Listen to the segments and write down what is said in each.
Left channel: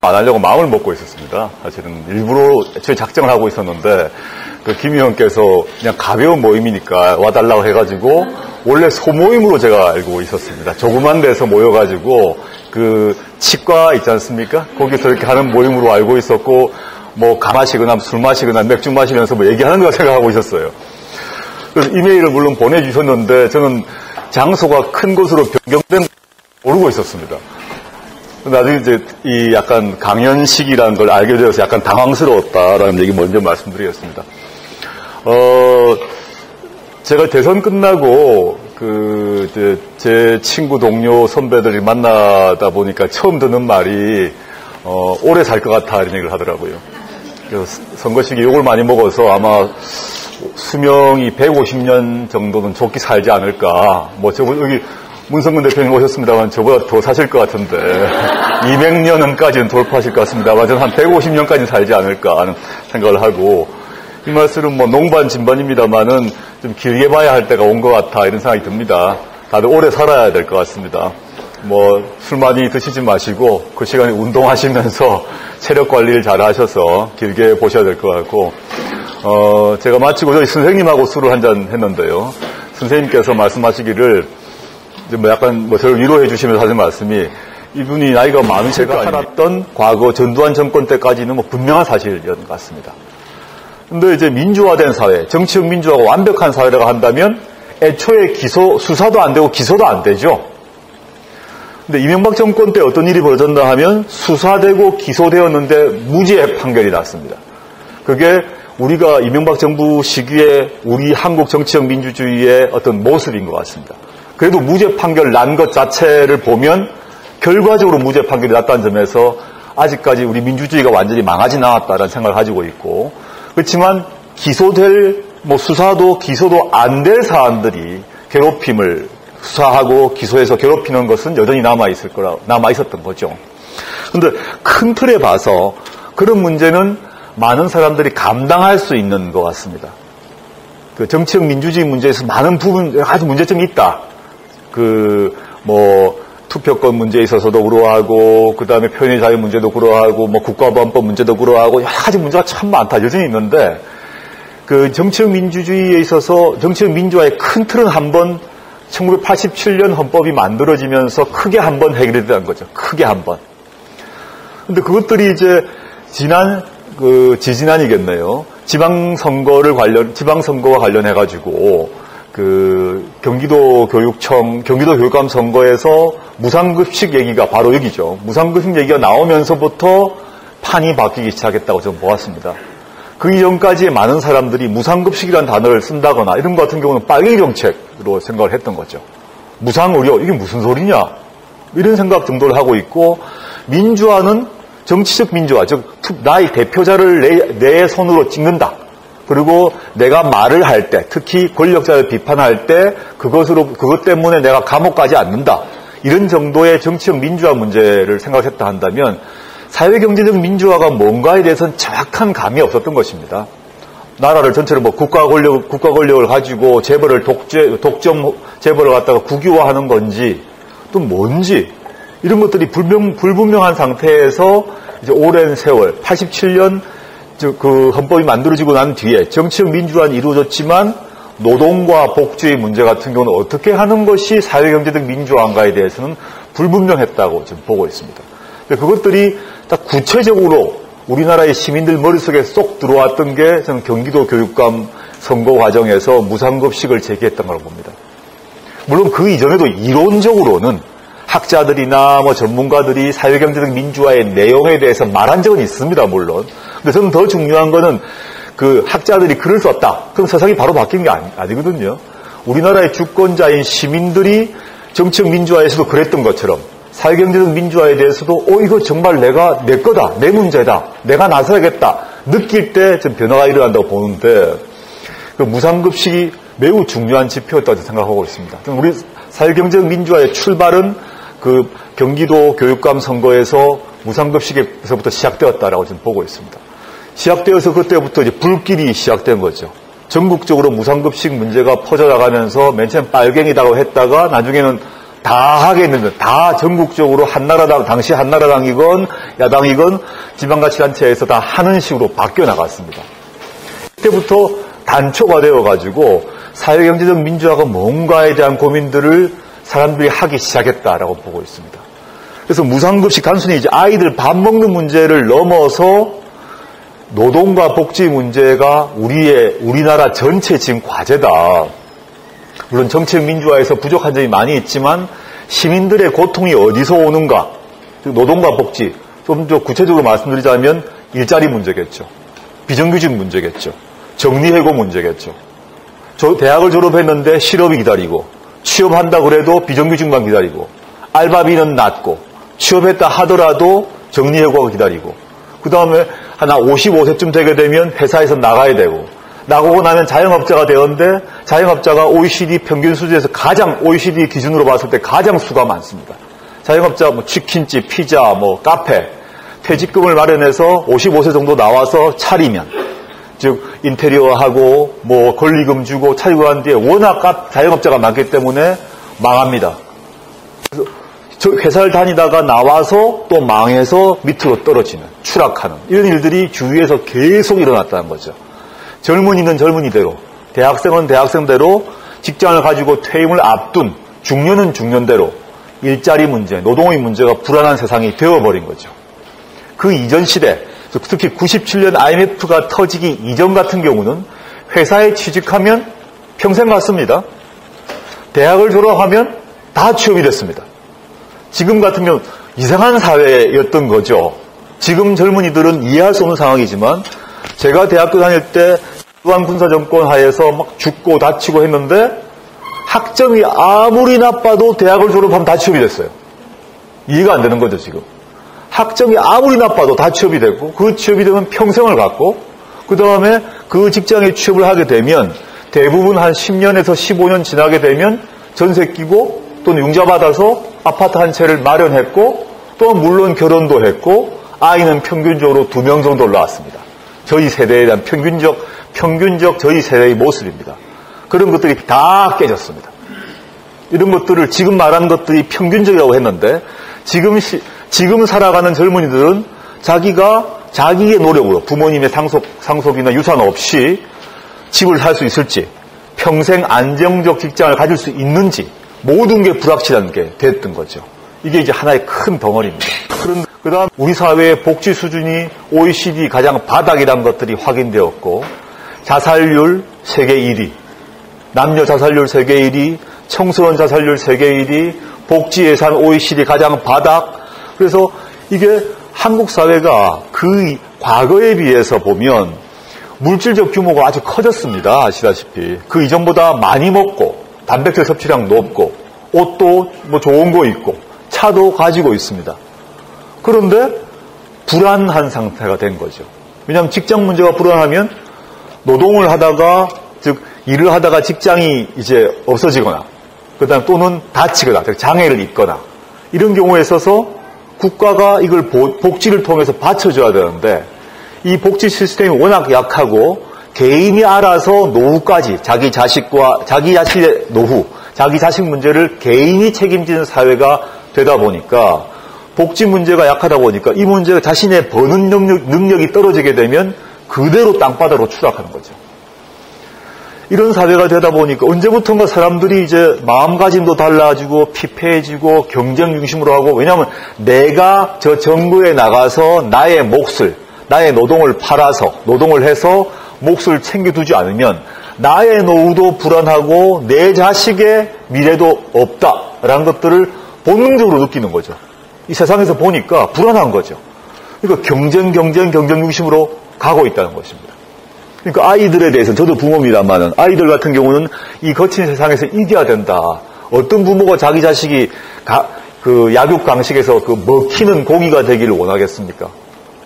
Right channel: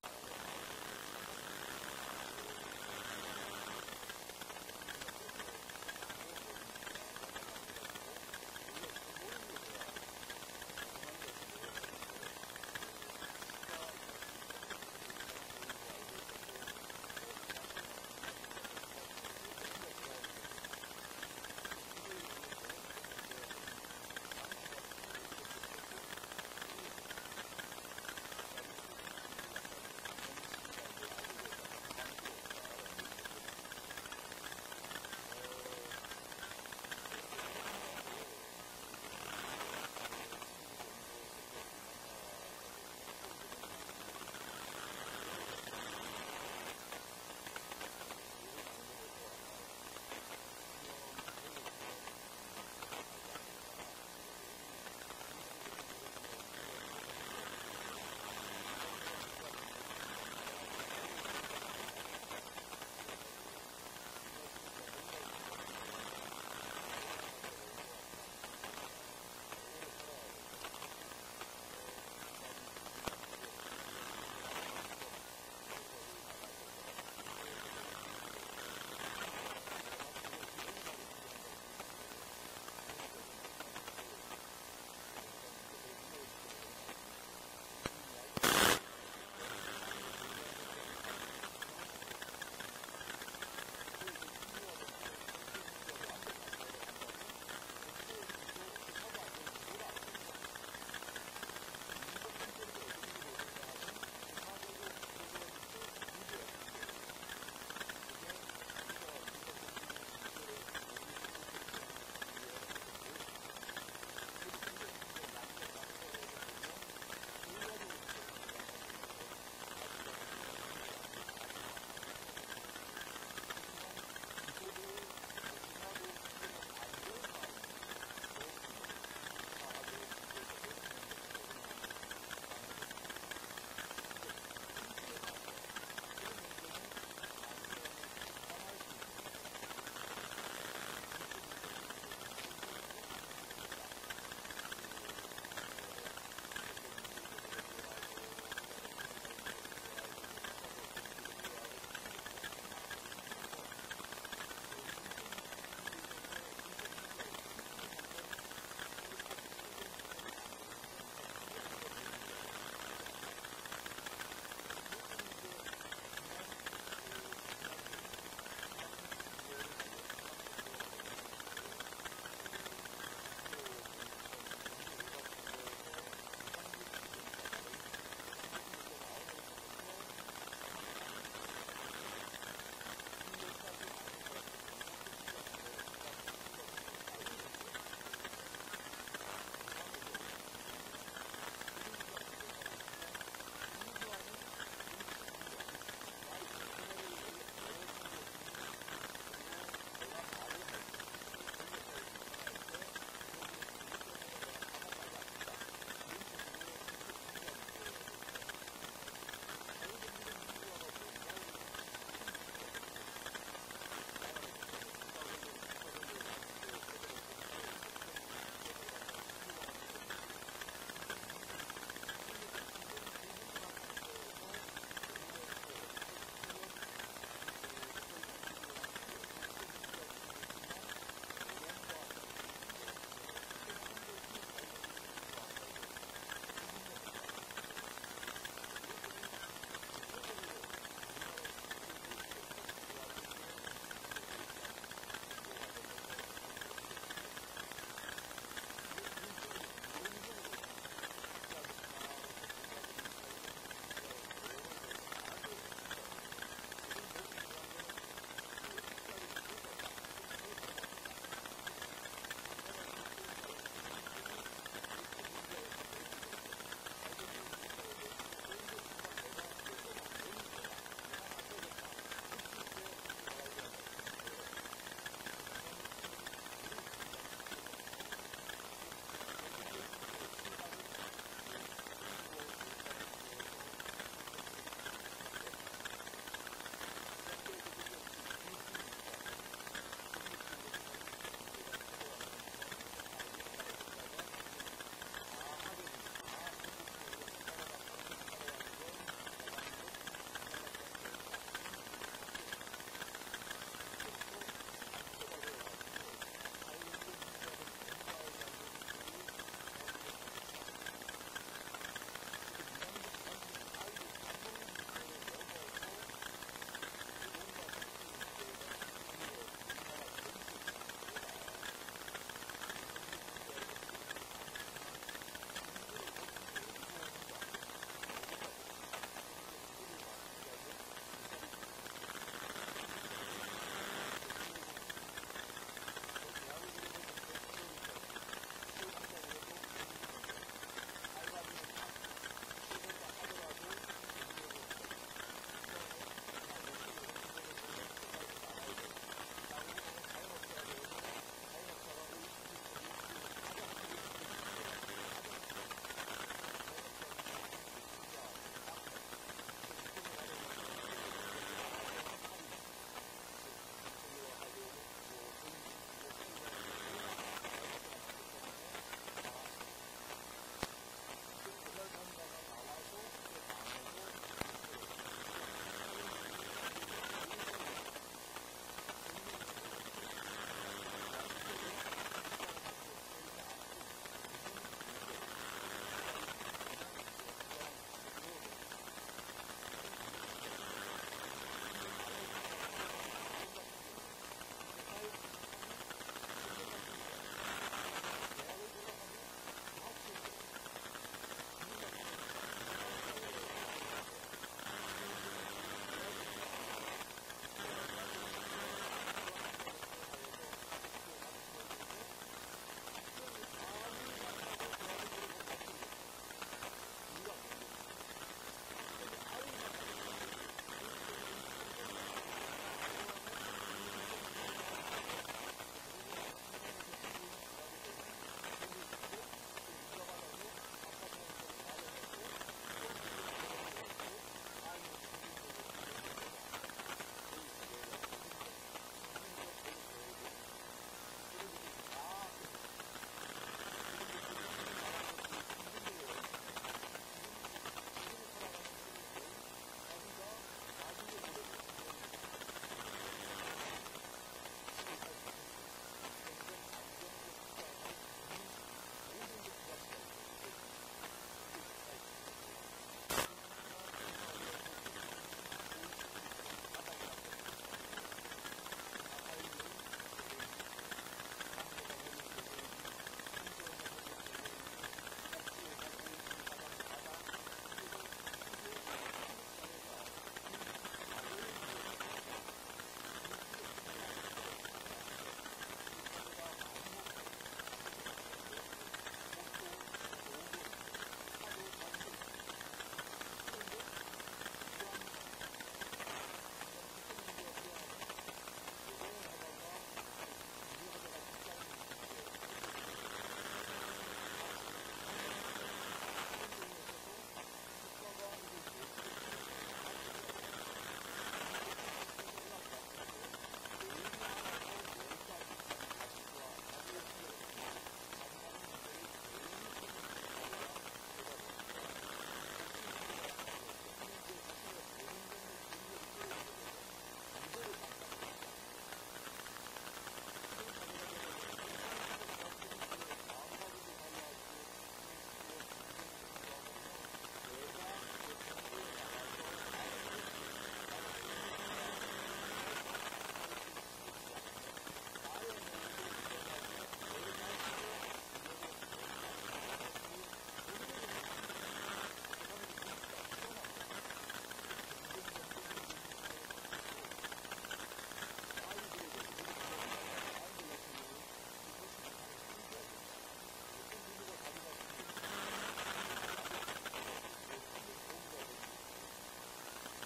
안 하려고 마음을 먹고 있었습니다. 사실은 일부러 저희 작정을 하고 있었는데 김 의원께서 그냥 가벼운 모임이니까 와달라고 해가지고 원래 소모임으로 제가 알고 있었습니다. 조그만 데서 모여가지고 치과 있지 않습니까? 거기서 이렇게 하는 모임으로 알고 있었고 가 마시거나 술 마시거나 맥주 마시면서 얘기하는 거 생각하고 있었어요. 그래서 이메일을 물론 보내주셨는데 저는 장소가 큰 곳으로 변경된 모르고 있었습니다. 나중에 이제 이 약간 강연식이라는 걸 알게 되어서 약간 당황스러웠다라는 얘기 먼저 말씀드리겠습니다. 제가 대선 끝나고 제 친구 동료 선배들이 만나다 보니까 처음 듣는 말이 오래 살 것 같아 이런 얘기를 하더라고요. 그래서 선거 시기에 욕을 많이 먹어서 아마 수명이 150년 정도는 좋게 살지 않을까. 여기 문성근 대표님 오셨습니다만 저보다 더 사실 것 같은데 200년까지는 돌파하실 것 같습니다만 저는 한 150년까지 살지 않을까 하는 생각을 하고, 이 말씀은 농반 진반입니다만은 좀 길게 봐야 할 때가 온 것 같아 이런 생각이 듭니다. 다들 오래 살아야 될 것 같습니다. 술 많이 드시지 마시고 그 시간에 운동하시면서 체력 관리를 잘 하셔서 길게 보셔야 될 것 같고, 제가 마치고 저희 선생님하고 술을 한잔 했는데요. 선생님께서 말씀하시기를 저를 위로해 주시면서 하는 말씀이, 이분이 나이가 많은 제가 살았던 과거 전두환 정권 때까지는 분명한 사실이었던 것 같습니다. 근데 이제 민주화된 사회, 정치적 민주화가 완벽한 사회라고 한다면 애초에 수사도 안 되고 기소도 안 되죠. 근데 이명박 정권 때 어떤 일이 벌어졌나 하면 수사되고 기소되었는데 무죄 판결이 났습니다. 그게 우리가 이명박 정부 시기에 우리 한국 정치적 민주주의의 어떤 모습인 것 같습니다. 그래도 무죄 판결 난 것 자체를 보면 결과적으로 무죄 판결이 났다는 점에서 아직까지 우리 민주주의가 완전히 망하진 않았다는 생각을 가지고 있고, 그렇지만 수사도 기소도 안 될 사안들이 괴롭힘을 수사하고 기소해서 괴롭히는 것은 여전히 남아있었던 거죠. 그런데 큰 틀에 봐서 그런 문제는 많은 사람들이 감당할 수 있는 것 같습니다. 정치적 민주주의 문제에서 많은 부분, 아주 문제점이 있다. 투표권 문제에 있어서도 그러하고, 그 다음에 표현의 자유 문제도 그러하고, 국가보안법 문제도 그러하고, 여러 가지 문제가 참 많다. 여전히 있는데, 정치적 민주주의에 있어서, 정치적 민주화의 큰 틀은 한번 1987년 헌법이 만들어지면서 크게 한번 해결이 되는 거죠. 크게 한번. 근데 그것들이 이제 지지난이겠네요. 지방선거와 관련해가지고, 경기도 교육감 선거에서 무상급식 얘기가 바로 여기죠. 무상급식 얘기가 나오면서부터 판이 바뀌기 시작했다고 저는 보았습니다. 그 이전까지 많은 사람들이 무상급식이라는 단어를 쓴다거나 이런 것 같은 경우는 빨갱이 정책으로 생각을 했던 거죠. 무상의료, 이게 무슨 소리냐? 이런 생각 정도를 하고 있고, 민주화는 정치적 민주화, 즉 나의 대표자를 내 손으로 찍는다. 그리고 내가 말을 할 때, 특히 권력자를 비판할 때 그것 때문에 내가 감옥 가지 않는다. 이런 정도의 정치적 민주화 문제를 생각했다 한다면 사회경제적 민주화가 뭔가에 대해서는 정확한 감이 없었던 것입니다. 나라를 전체로 국가 권력을 가지고 독점 재벌을 갖다가 국유화하는 건지 또 뭔지 이런 것들이 불분명한 상태에서 이제 오랜 세월 87년 헌법이 만들어지고 난 뒤에 정치적 민주화는 이루어졌지만 노동과 복지의 문제 같은 경우는 어떻게 하는 것이 사회경제적 민주화인가에 대해서는 불분명했다고 지금 보고 있습니다. 그것들이 딱 구체적으로 우리나라의 시민들 머릿속에 쏙 들어왔던 게 저는 경기도 교육감 선거 과정에서 무상급식을 제기했던 걸로 봅니다. 물론 그 이전에도 이론적으로는 학자들이나 전문가들이 사회경제적 민주화의 내용에 대해서 말한 적은 있습니다, 물론. 근데 저는 더 중요한 거는 학자들이 글을 썼다. 그럼 세상이 바로 바뀐 게 아니거든요. 우리나라의 주권자인 시민들이 정치적 민주화에서도 그랬던 것처럼 사회경제적 민주화에 대해서도 이거 정말 내 거다, 내 문제다, 내가 나서야겠다 느낄 때 좀 변화가 일어난다고 보는데, 무상급식이 매우 중요한 지표였다고 생각하고 있습니다. 우리 사회경제적 민주화의 출발은 경기도 교육감 선거에서 무상급식에서부터 시작되었다라고 지금 보고 있습니다. 시작되어서 그때부터 이제 불길이 시작된 거죠. 전국적으로 무상급식 문제가 퍼져나가면서 맨 처음 빨갱이라고 했다가 나중에는 다 하겠는데, 다 전국적으로 한나라당, 당시 한나라당이건 야당이건 지방자치단체에서 다 하는 식으로 바뀌어 나갔습니다. 그때부터 단초가 되어가지고 사회경제적 민주화가 뭔가에 대한 고민들을 사람들이 하기 시작했다라고 보고 있습니다. 그래서 무상급식 단순히 이제 아이들 밥 먹는 문제를 넘어서 노동과 복지 문제가 우리나라 전체 지금 과제다. 물론 정책 민주화에서 부족한 점이 많이 있지만 시민들의 고통이 어디서 오는가? 노동과 복지, 좀 더 구체적으로 말씀드리자면 일자리 문제겠죠. 비정규직 문제겠죠. 정리해고 문제겠죠. 대학을 졸업했는데 실업이 기다리고, 취업한다 그래도 비정규직만 기다리고, 알바비는 낮고, 취업했다 하더라도 정리해고가 기다리고, 그 다음에 한 55세쯤 되게 되면 회사에서 나가야 되고, 나가고 나면 자영업자가 되었는데, 자영업자가 OECD 평균 수준에서 OECD 기준으로 봤을 때 가장 수가 많습니다. 자영업자, 치킨집, 피자, 카페, 퇴직금을 마련해서 55세 정도 나와서 차리면, 즉, 인테리어하고, 권리금 주고 차리고 한 뒤에 워낙 자영업자가 많기 때문에 망합니다. 그래서 회사를 다니다가 나와서 또 망해서 밑으로 떨어지는, 추락하는, 이런 일들이 주위에서 계속 일어났다는 거죠. 젊은이는 젊은이대로, 대학생은 대학생대로 직장을 가지고 퇴임을 앞둔 중년은 중년대로 일자리 문제, 노동의 문제가 불안한 세상이 되어버린 거죠. 그 이전 시대, 특히 97년 IMF가 터지기 이전 같은 경우는 회사에 취직하면 평생 갔습니다. 대학을 졸업하면 다 취업이 됐습니다. 지금 같은 경우 이상한 사회였던 거죠. 지금 젊은이들은 이해할 수 없는 상황이지만 제가 대학교 다닐 때 일반 군사정권 하에서 막 죽고 다치고 했는데 학점이 아무리 나빠도 대학을 졸업하면 다 취업이 됐어요. 이해가 안 되는 거죠, 지금. 학점이 아무리 나빠도 다 취업이 됐고, 그 취업이 되면 평생을 갖고, 그 다음에 그 직장에 취업을 하게 되면 대부분 한 10년에서 15년 지나게 되면 전세 끼고 또는 융자 받아서 아파트 한 채를 마련했고, 또 물론 결혼도 했고, 아이는 평균적으로 2명 정도 올라왔습니다. 저희 세대에 대한 평균적 저희 세대의 모습입니다. 그런 것들이 다 깨졌습니다. 이런 것들을 지금 말하는 것들이 평균적이라고 했는데 지금 살아가는 젊은이들은 자기의 노력으로 부모님의 상속이나 유산 없이 집을 살 수 있을지, 평생 안정적 직장을 가질 수 있는지 모든 게 불확실한 게 됐던 거죠. 이게 이제 하나의 큰 덩어리입니다. 그 다음 우리 사회의 복지 수준이 OECD 가장 바닥이라는 것들이 확인되었고, 자살률 세계 1위, 남녀 자살률 세계 1위, 청소년 자살률 세계 1위, 복지 예산 OECD 가장 바닥. 그래서 이게 한국 사회가 그 과거에 비해서 보면 물질적 규모가 아주 커졌습니다. 아시다시피. 그 이전보다 많이 먹고, 단백질 섭취량 높고, 옷도 좋은 거 입고, 차도 가지고 있습니다. 그런데 불안한 상태가 된 거죠. 왜냐하면 직장 문제가 불안하면 노동을 하다가, 즉 일을 하다가 직장이 이제 없어지거나, 그다음 또는 다치거나, 장애를 입거나, 이런 경우에 있어서 국가가 이걸 복지를 통해서 받쳐줘야 되는데, 이 복지 시스템이 워낙 약하고 개인이 알아서 노후까지 자기 자신의 노후, 자기 자식 문제를 개인이 책임지는 사회가 되다 보니까, 복지 문제가 약하다 보니까 이 문제가 자신의 버는 능력이 떨어지게 되면 그대로 땅바닥으로 추락하는 거죠. 이런 사회가 되다 보니까 언제부턴가 사람들이 이제 마음가짐도 달라지고 피폐해지고 경쟁 중심으로 하고, 왜냐하면 내가 저 정부에 나가서 나의 몫을, 나의 노동을 팔아서, 노동을 해서 몫을 챙겨두지 않으면 나의 노후도 불안하고 내 자식의 미래도 없다라는 것들을 본능적으로 느끼는 거죠. 이 세상에서 보니까 불안한 거죠. 그러니까 경쟁 중심으로 가고 있다는 것입니다. 그러니까 아이들에 대해서, 저도 부모입니다만은, 아이들 같은 경우는 이 거친 세상에서 이겨야 된다. 어떤 부모가 자기 자식이 그 약육 강식에서 그 먹히는 고기가 되기를 원하겠습니까?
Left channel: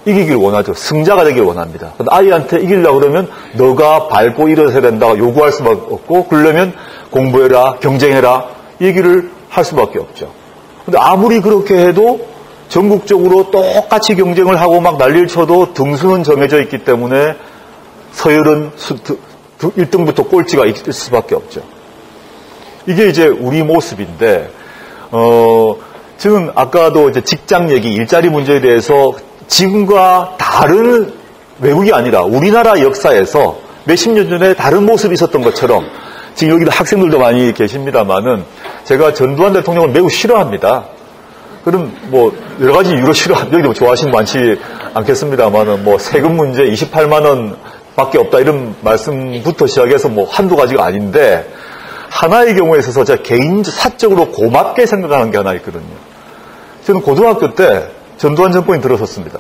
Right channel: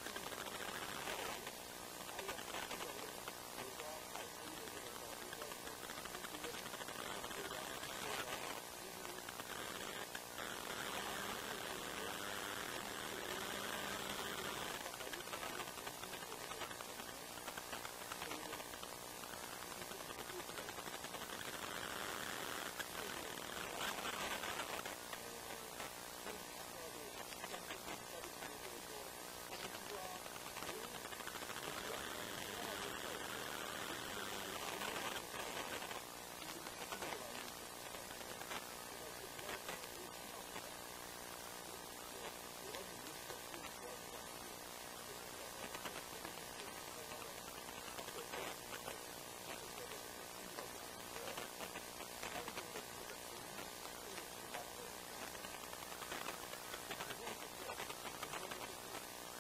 이기길 원하죠. 승자가 되길 원합니다. 근데 아이한테 이기려고 그러면 너가 밟고 일어서야 된다 요구할 수밖에 없고, 그러려면 공부해라, 경쟁해라 얘기를 할 수밖에 없죠. 근데 아무리 그렇게 해도 전국적으로 똑같이 경쟁을 하고 막 난리를 쳐도 등수는 정해져 있기 때문에 서열은 1등부터 꼴찌가 있을 수밖에 없죠. 이게 이제 우리 모습인데, 저는 아까도 이제 직장 얘기, 일자리 문제에 대해서 지금과 다른 외국이 아니라 우리나라 역사에서 몇십 년 전에 다른 모습이 있었던 것처럼 지금 여기도 학생들도 많이 계십니다만은 제가 전두환 대통령을 매우 싫어합니다. 그럼 뭐 여러 가지 이유로 싫어합니다. 여기도 좋아하시는 분 많지 않겠습니다만은 뭐 세금 문제 28만 원 밖에 없다 이런 말씀부터 시작해서 뭐 한두 가지가 아닌데 하나의 경우에 있어서 제가 개인 사적으로 고맙게 생각하는 게 하나 있거든요. 저는 고등학교 때 전두환 정권이 들어섰습니다.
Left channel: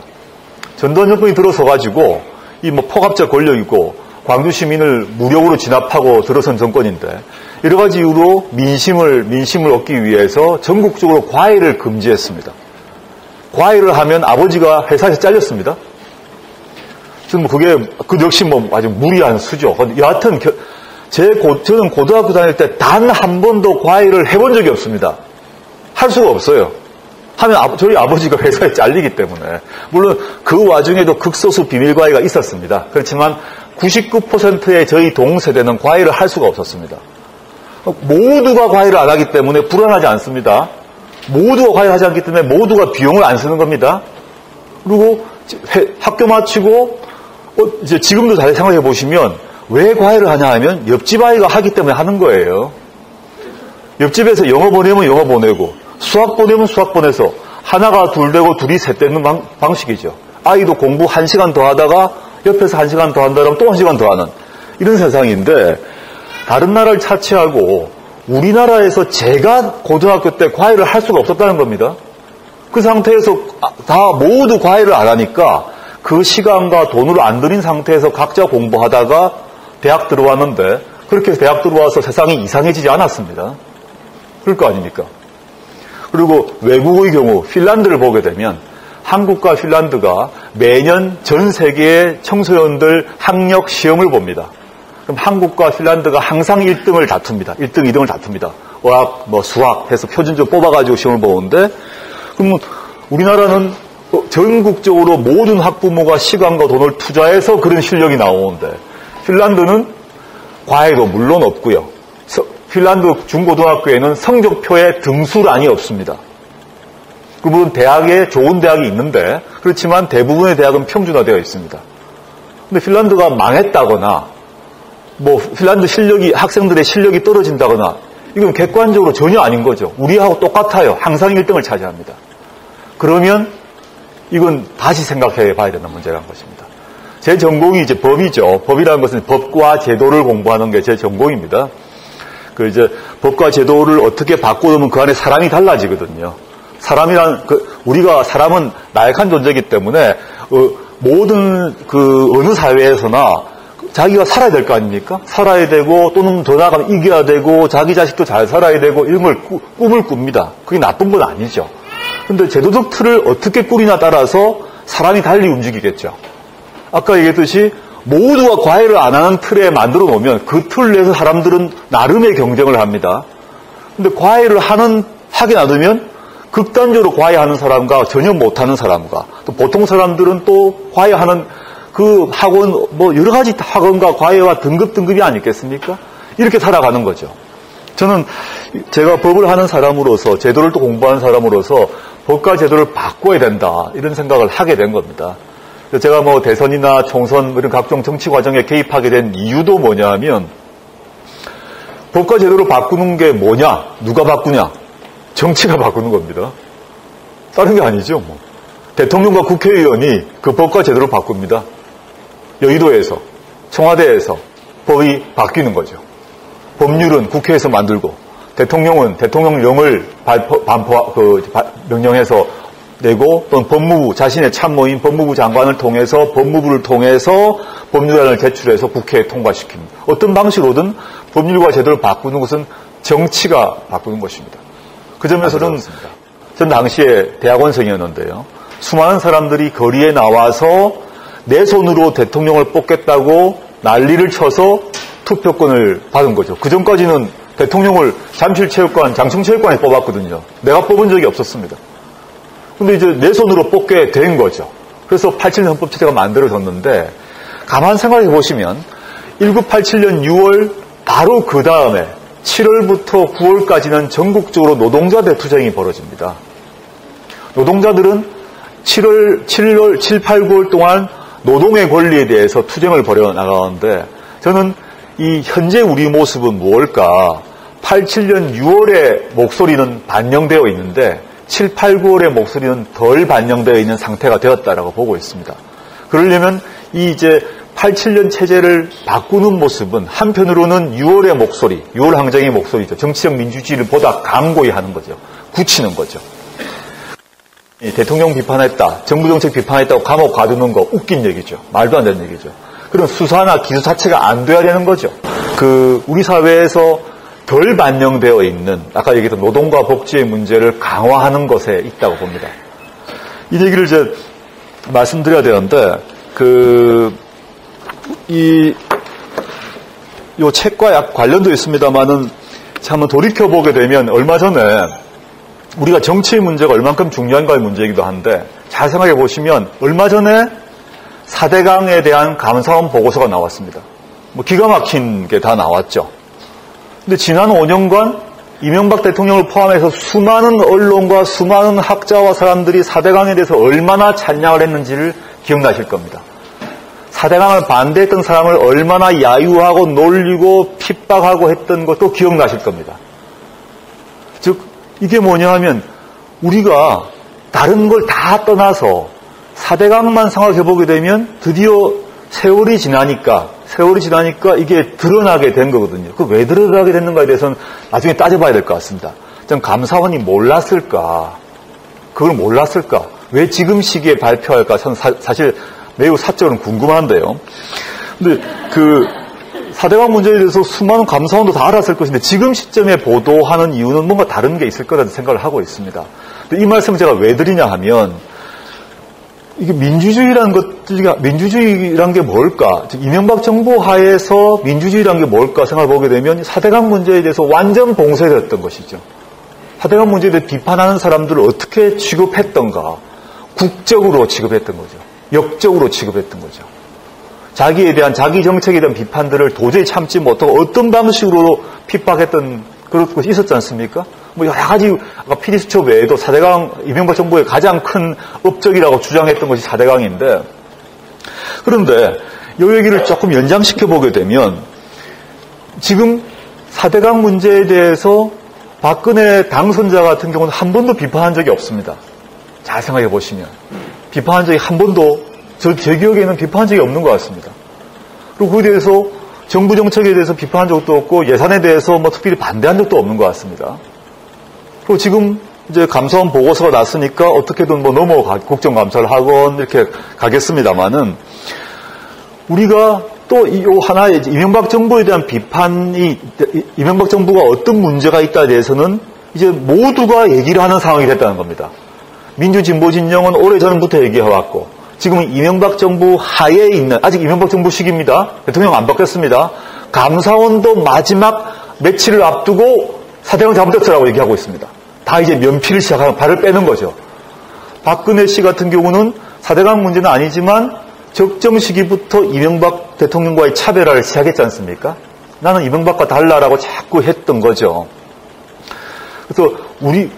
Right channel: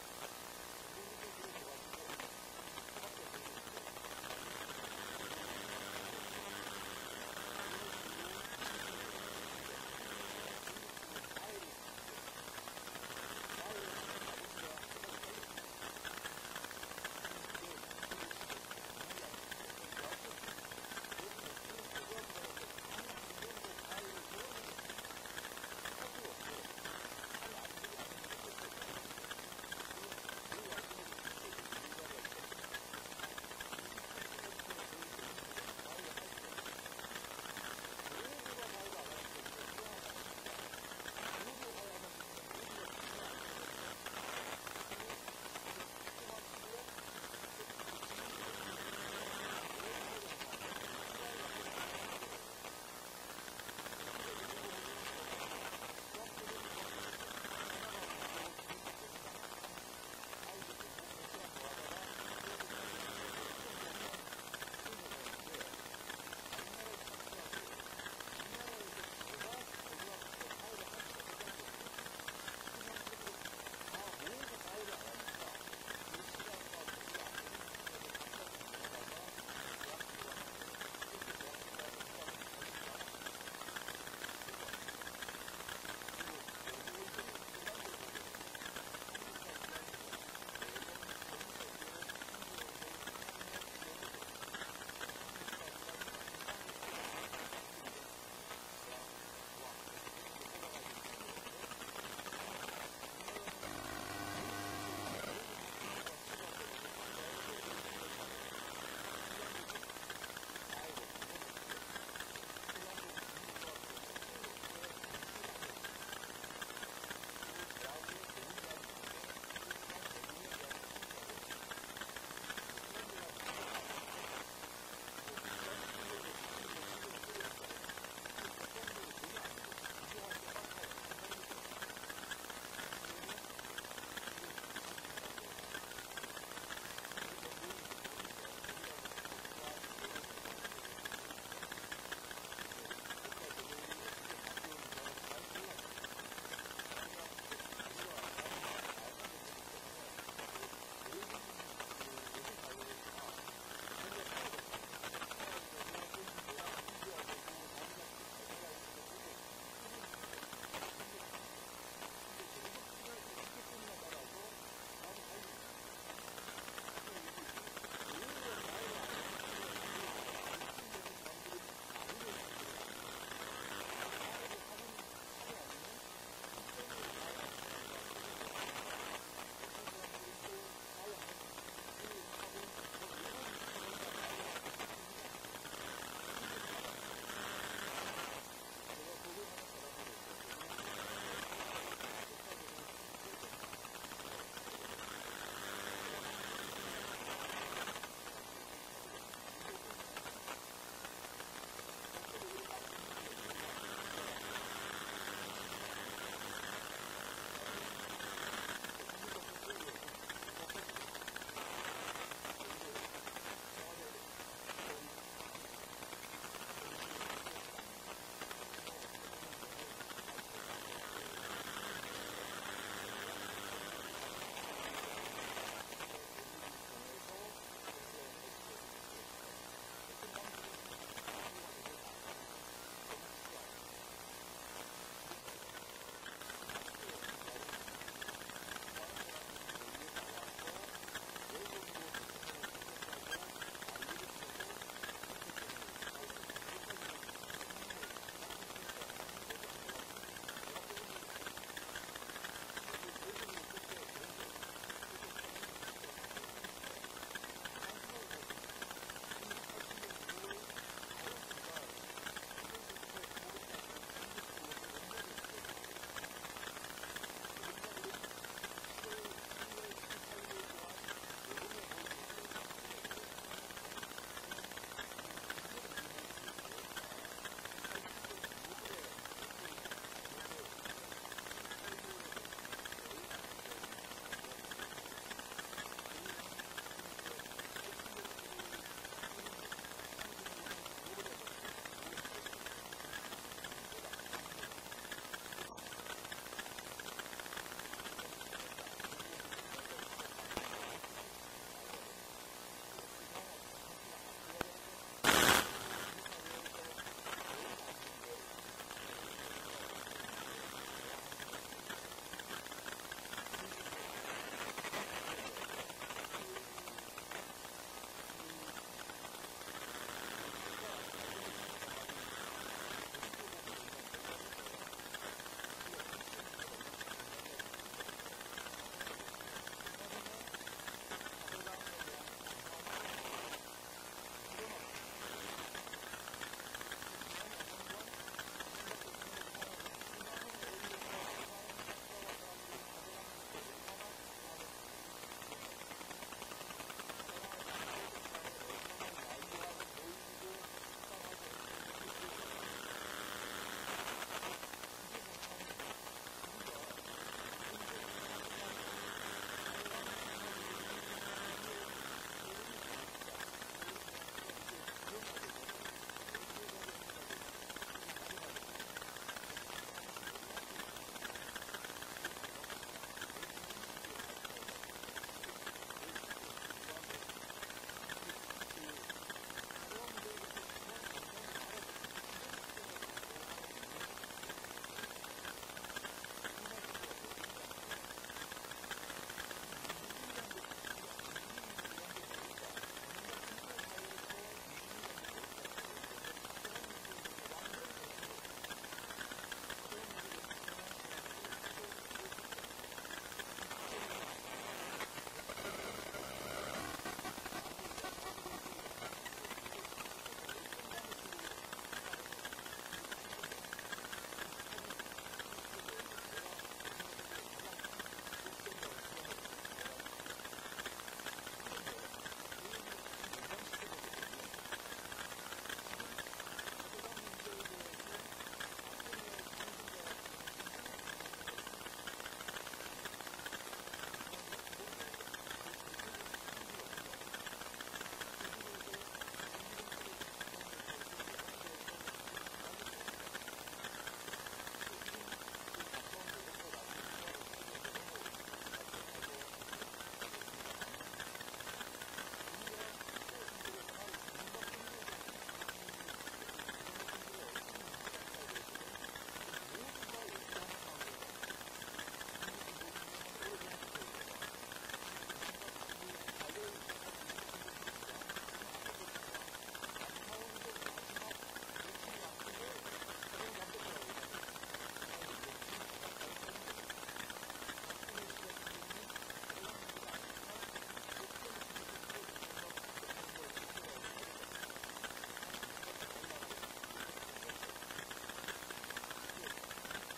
전두환 정권이 들어서가지고 이 뭐 포갑자 권력이고 광주 시민을 무력으로 진압하고 들어선 정권인데 여러 가지 이유로 민심을 얻기 위해서 전국적으로 과외를 금지했습니다. 과외를 하면 아버지가 회사에서 잘렸습니다. 저는 그 역시 뭐 아주 무리한 수죠. 여하튼 저는 고등학교 다닐 때 단 한 번도 과외를 해본 적이 없습니다. 할 수가 없어요. 하면 저희 아버지가 회사에 잘리기 때문에. 물론 그 와중에도 극소수 비밀 과외가 있었습니다. 그렇지만 99%의 저희 동세대는 과외를 할 수가 없었습니다. 모두가 과외를 안 하기 때문에 불안하지 않습니다. 모두가 과외를 하지 않기 때문에 모두가 비용을 안 쓰는 겁니다. 그리고 학교 마치고 이제 지금도 잘 생각해 보시면 왜 과외를 하냐 하면 옆집 아이가 하기 때문에 하는 거예요. 옆집에서 영어 보내면 영어 보내고 수학 보내면 수학 보내서 하나가 둘 되고 둘이 셋 되는 방식이죠. 아이도 공부 1시간 더 하다가 옆에서 1시간 더 한다면 또 1시간 더 하는 이런 세상인데 다른 나라를 차치하고 우리나라에서 제가 고등학교 때 과외를 할 수가 없었다는 겁니다. 그 상태에서 다 모두 과외를 안 하니까 그 시간과 돈을 안 들인 상태에서 각자 공부하다가 대학 들어왔는데 그렇게 해서 대학 들어와서 세상이 이상해지지 않았습니다. 그럴 거 아닙니까? 그리고 외국의 경우 핀란드를 보게 되면 한국과 핀란드가 매년 전 세계의 청소년들 학력 시험을 봅니다. 그럼 한국과 핀란드가 항상 1등을 다툽니다. 1등, 2등을 다툽니다. 어학, 수학 해서 표준점 뽑아가지고 시험을 보는데 그러면 우리나라는 전국적으로 모든 학부모가 시간과 돈을 투자해서 그런 실력이 나오는데 핀란드는 과외도 물론 없고요. 핀란드 중고등학교에는 성적표에 등수란이 없습니다. 물론 대학에 좋은 대학이 있는데 그렇지만 대부분의 대학은 평준화되어 있습니다. 근데 핀란드가 망했다거나 핀란드 학생들의 실력이 떨어진다거나 이건 객관적으로 전혀 아닌 거죠. 우리하고 똑같아요. 항상 1등을 차지합니다. 그러면 이건 다시 생각해 봐야 되는 문제라는 것입니다. 제 전공이 이제 법이죠. 법이라는 것은 법과 제도를 공부하는 게 제 전공입니다. 법과 제도를 어떻게 바꾸면 그 안에 사람이 달라지거든요. 우리가 사람은 나약한 존재이기 때문에, 모든 어느 사회에서나 자기가 살아야 될 거 아닙니까? 살아야 되고, 또는 더 나아가면 이겨야 되고, 자기 자식도 잘 살아야 되고, 이런 걸 꿈을 꿉니다. 그게 나쁜 건 아니죠. 근데 제도적 틀을 어떻게 꾸리냐에 따라서 사람이 달리 움직이겠죠. 아까 얘기했듯이, 모두가 과외를 안 하는 틀에 만들어 놓으면 그 틀 내에서 사람들은 나름의 경쟁을 합니다. 근데 과외를 하게 놔두면 극단적으로 과외하는 사람과 전혀 못하는 사람과 또 보통 사람들은 또 과외하는 그 학원, 여러 가지 학원과 과외와 등급이 아니겠습니까? 이렇게 살아가는 거죠. 저는 제가 법을 하는 사람으로서 제도를 또 공부하는 사람으로서 법과 제도를 바꿔야 된다 이런 생각을 하게 된 겁니다. 제가 대선이나 총선 이런 각종 정치 과정에 개입하게 된 이유도 뭐냐 하면 법과 제도를 바꾸는 게 뭐냐? 누가 바꾸냐? 정치가 바꾸는 겁니다. 다른 게 아니죠. 대통령과 국회의원이 그 법과 제도를 바꿉니다. 여의도에서, 청와대에서 법이 바뀌는 거죠. 법률은 국회에서 만들고 대통령은 대통령령을 명령해서 내고 또는 법무부 자신의 참모인 법무부 장관을 통해서 법무부를 통해서 법률안을 제출해서 국회에 통과시킵니다. 어떤 방식으로든 법률과 제도를 바꾸는 것은 정치가 바꾸는 것입니다. 그 점에서는 전 당시에 대학원생이었는데요. 수많은 사람들이 거리에 나와서 내 손으로 대통령을 뽑겠다고 난리를 쳐서 투표권을 받은 거죠. 그 전까지는 대통령을 잠실체육관, 장충체육관에 뽑았거든요. 내가 뽑은 적이 없었습니다. 근데 이제 내 손으로 뽑게 된 거죠. 그래서 87년 헌법체제가 만들어졌는데 가만 생각해 보시면 1987년 6월 바로 그 다음에 7월부터 9월까지는 전국적으로 노동자 대투쟁이 벌어집니다. 노동자들은 7, 8, 9월 동안 노동의 권리에 대해서 투쟁을 벌여 나가는데 저는 이 현재 우리 모습은 무엇일까? 87년 6월에 목소리는 반영되어 있는데 7, 8, 9월의 목소리는 덜 반영되어 있는 상태가 되었다라고 보고 있습니다. 그러려면 이 이제 87년 체제를 바꾸는 모습은 한편으로는 6월의 목소리, 6월 항쟁의 목소리죠. 정치적 민주주의를 보다 강고히 하는 거죠. 굳히는 거죠. 대통령 비판했다, 정부 정책 비판했다고 감옥 가두는 거 웃긴 얘기죠. 말도 안 되는 얘기죠. 그런 수사나 기소 자체가 안 돼야 되는 거죠. 우리 사회에서 덜 반영되어 있는 아까 얘기했던 노동과 복지의 문제를 강화하는 것에 있다고 봅니다. 이 얘기를 이제 말씀드려야 되는데 요 책과 약 관련도 있습니다만은 한번 돌이켜 보게 되면 얼마 전에 우리가 정치의 문제가 얼만큼 중요한가의 문제이기도 한데 잘 생각해 보시면 얼마 전에 4대강에 대한 감사원 보고서가 나왔습니다. 뭐 기가 막힌 게 다 나왔죠. 근데 지난 5년간 이명박 대통령을 포함해서 수많은 언론과 수많은 학자와 사람들이 4대강에 대해서 얼마나 찬양을 했는지를 기억나실 겁니다. 4대강을 반대했던 사람을 얼마나 야유하고 놀리고 핍박하고 했던 것도 기억나실 겁니다. 즉 이게 뭐냐 하면 우리가 다른 걸 다 떠나서 4대강만 생각해 보게 되면 드디어 세월이 지나니까 이게 드러나게 된 거거든요. 왜 드러나게 됐는가에 대해서는 나중에 따져봐야 될 것 같습니다. 전 감사원이 몰랐을까? 그걸 몰랐을까? 왜 지금 시기에 발표할까? 저는 사실 매우 사적으로는 궁금한데요. 근데 4대강 문제에 대해서 수많은 감사원도 다 알았을 것인데 지금 시점에 보도하는 이유는 뭔가 다른 게 있을 거라는 생각을 하고 있습니다. 이 말씀을 제가 왜 드리냐 하면 이게 민주주의라는 게 뭘까? 이명박 정부 하에서 민주주의라는 게 뭘까 생각해 보게 되면 4대강 문제에 대해서 완전 봉쇄됐던 것이죠. 4대강 문제에 대해 비판하는 사람들을 어떻게 취급했던가? 국적으로 취급했던 거죠. 역적으로 취급했던 거죠. 자기 정책에 대한 비판들을 도저히 참지 못하고 어떤 방식으로 핍박했던 그런 것이 있었지 않습니까? 뭐 여러 가지 아까 PD수첩 외에도 4대강 이명박 정부의 가장 큰 업적이라고 주장했던 것이 4대강인데 그런데 이 얘기를 조금 연장시켜 보게 되면 지금 4대강 문제에 대해서 박근혜 당선자 같은 경우는 한 번도 비판한 적이 없습니다. 잘 생각해 보시면 비판한 적이 한 번도 제 기억에는 비판한 적이 없는 것 같습니다. 그리고 그에 대해서 정부 정책에 대해서 비판한 적도 없고 예산에 대해서 뭐 특별히 반대한 적도 없는 것 같습니다. 그리고 지금 이제 감사원 보고서가 났으니까 어떻게든 뭐 국정감사를 하건 이렇게 가겠습니다만은 우리가 또 이 하나의 이명박 정부에 대한 비판이 이명박 정부가 어떤 문제가 있다에 대해서는 이제 모두가 얘기를 하는 상황이 됐다는 겁니다. 민주진보 진영은 오래전부터 얘기해왔고 지금은 이명박 정부 하에 있는 아직 이명박 정부 시기입니다. 대통령 안 바뀌었습니다. 감사원도 마지막 며칠을 앞두고 4대강 잘못됐다라고 얘기하고 있습니다. 다 이제 면피를 시작하는 발을 빼는 거죠. 박근혜 씨 같은 경우는 4대강 문제는 아니지만 적정 시기부터 이명박 대통령과의 차별화를 시작했지 않습니까? 나는 이명박과 달라라고 자꾸 했던 거죠. 그래서 우리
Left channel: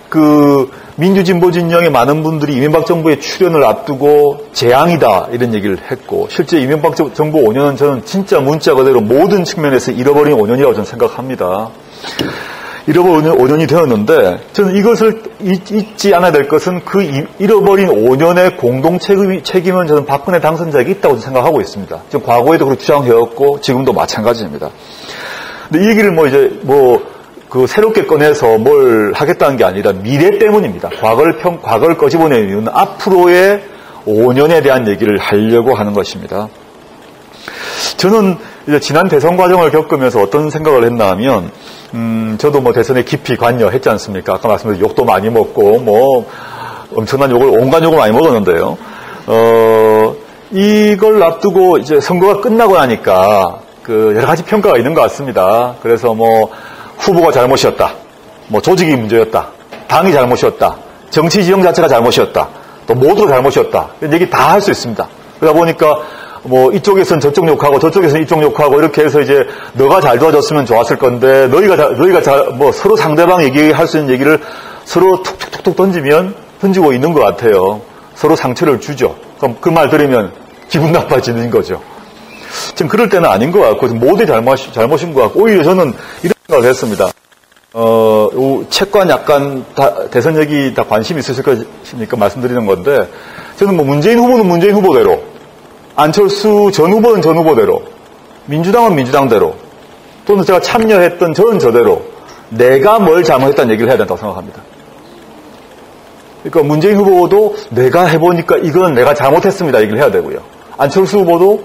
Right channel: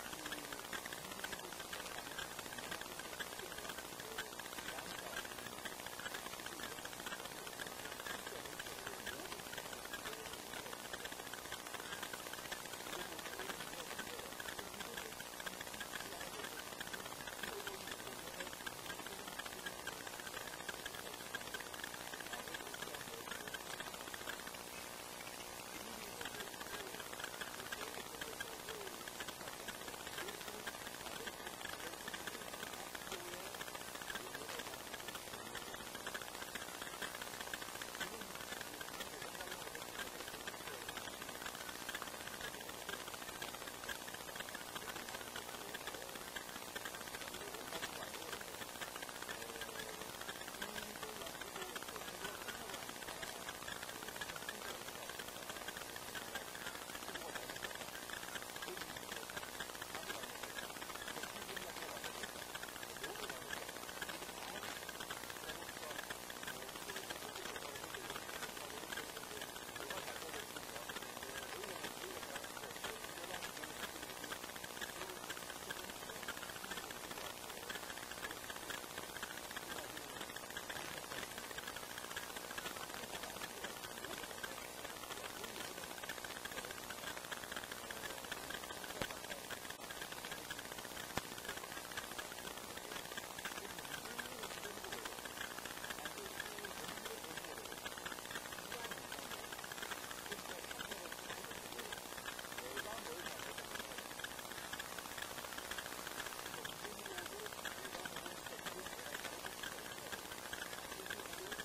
민주진보 진영의 많은 분들이 이명박 정부의 출연을 앞두고 재앙이다 이런 얘기를 했고 실제 이명박 정부 5년은 저는 진짜 문자 그대로 모든 측면에서 잃어버린 5년이라고 저는 생각합니다. 잃어버린 5년이 되었는데 저는 이것을 잊지 않아야 될 것은 잃어버린 5년의 공동 책임은 저는 박근혜 당선자에게 있다고 생각하고 있습니다. 지금 과거에도 그렇게 주장해왔고 지금도 마찬가지입니다. 근데 이 얘기를 새롭게 꺼내서 뭘 하겠다는 게 아니라 미래 때문입니다. 과거를 꺼집어내는 이유는 앞으로의 5년에 대한 얘기를 하려고 하는 것입니다. 저는 이제 지난 대선 과정을 겪으면서 어떤 생각을 했나 하면, 저도 뭐 대선에 깊이 관여했지 않습니까? 아까 말씀드린 욕도 많이 먹고, 엄청난 온갖 욕을 많이 먹었는데요. 이걸 앞두고 이제 선거가 끝나고 나니까, 여러 가지 평가가 있는 것 같습니다. 그래서 후보가 잘못이었다. 조직이 문제였다. 당이 잘못이었다. 정치 지형 자체가 잘못이었다. 또 모두가 잘못이었다. 이런 얘기 다 할 수 있습니다. 그러다 보니까 뭐 이쪽에선 저쪽 욕하고 저쪽에선 이쪽 욕하고 이렇게 해서 이제 너가 잘 도와줬으면 좋았을 건데 너희가 뭐 서로 상대방 얘기할 수 있는 얘기를 서로 툭툭툭툭 던지고 있는 것 같아요. 서로 상처를 주죠. 그럼 그 말 들으면 기분 나빠지는 거죠. 지금 그럴 때는 아닌 것 같고 모두 잘못인 것 같고 오히려 저는 이런 생각을 했습니다. 채권 약간 대선 얘기 다 관심이 있으실 것이니까 말씀드리는 건데 저는 뭐 문재인 후보는 문재인 후보대로 안철수 전 후보는 전 후보대로 민주당은 민주당대로 또는 제가 참여했던 저는 저대로 내가 뭘 잘못했다는 얘기를 해야 된다고 생각합니다. 그러니까 문재인 후보도 내가 해보니까 이건 내가 잘못했습니다 얘기를 해야 되고요. 안철수 후보도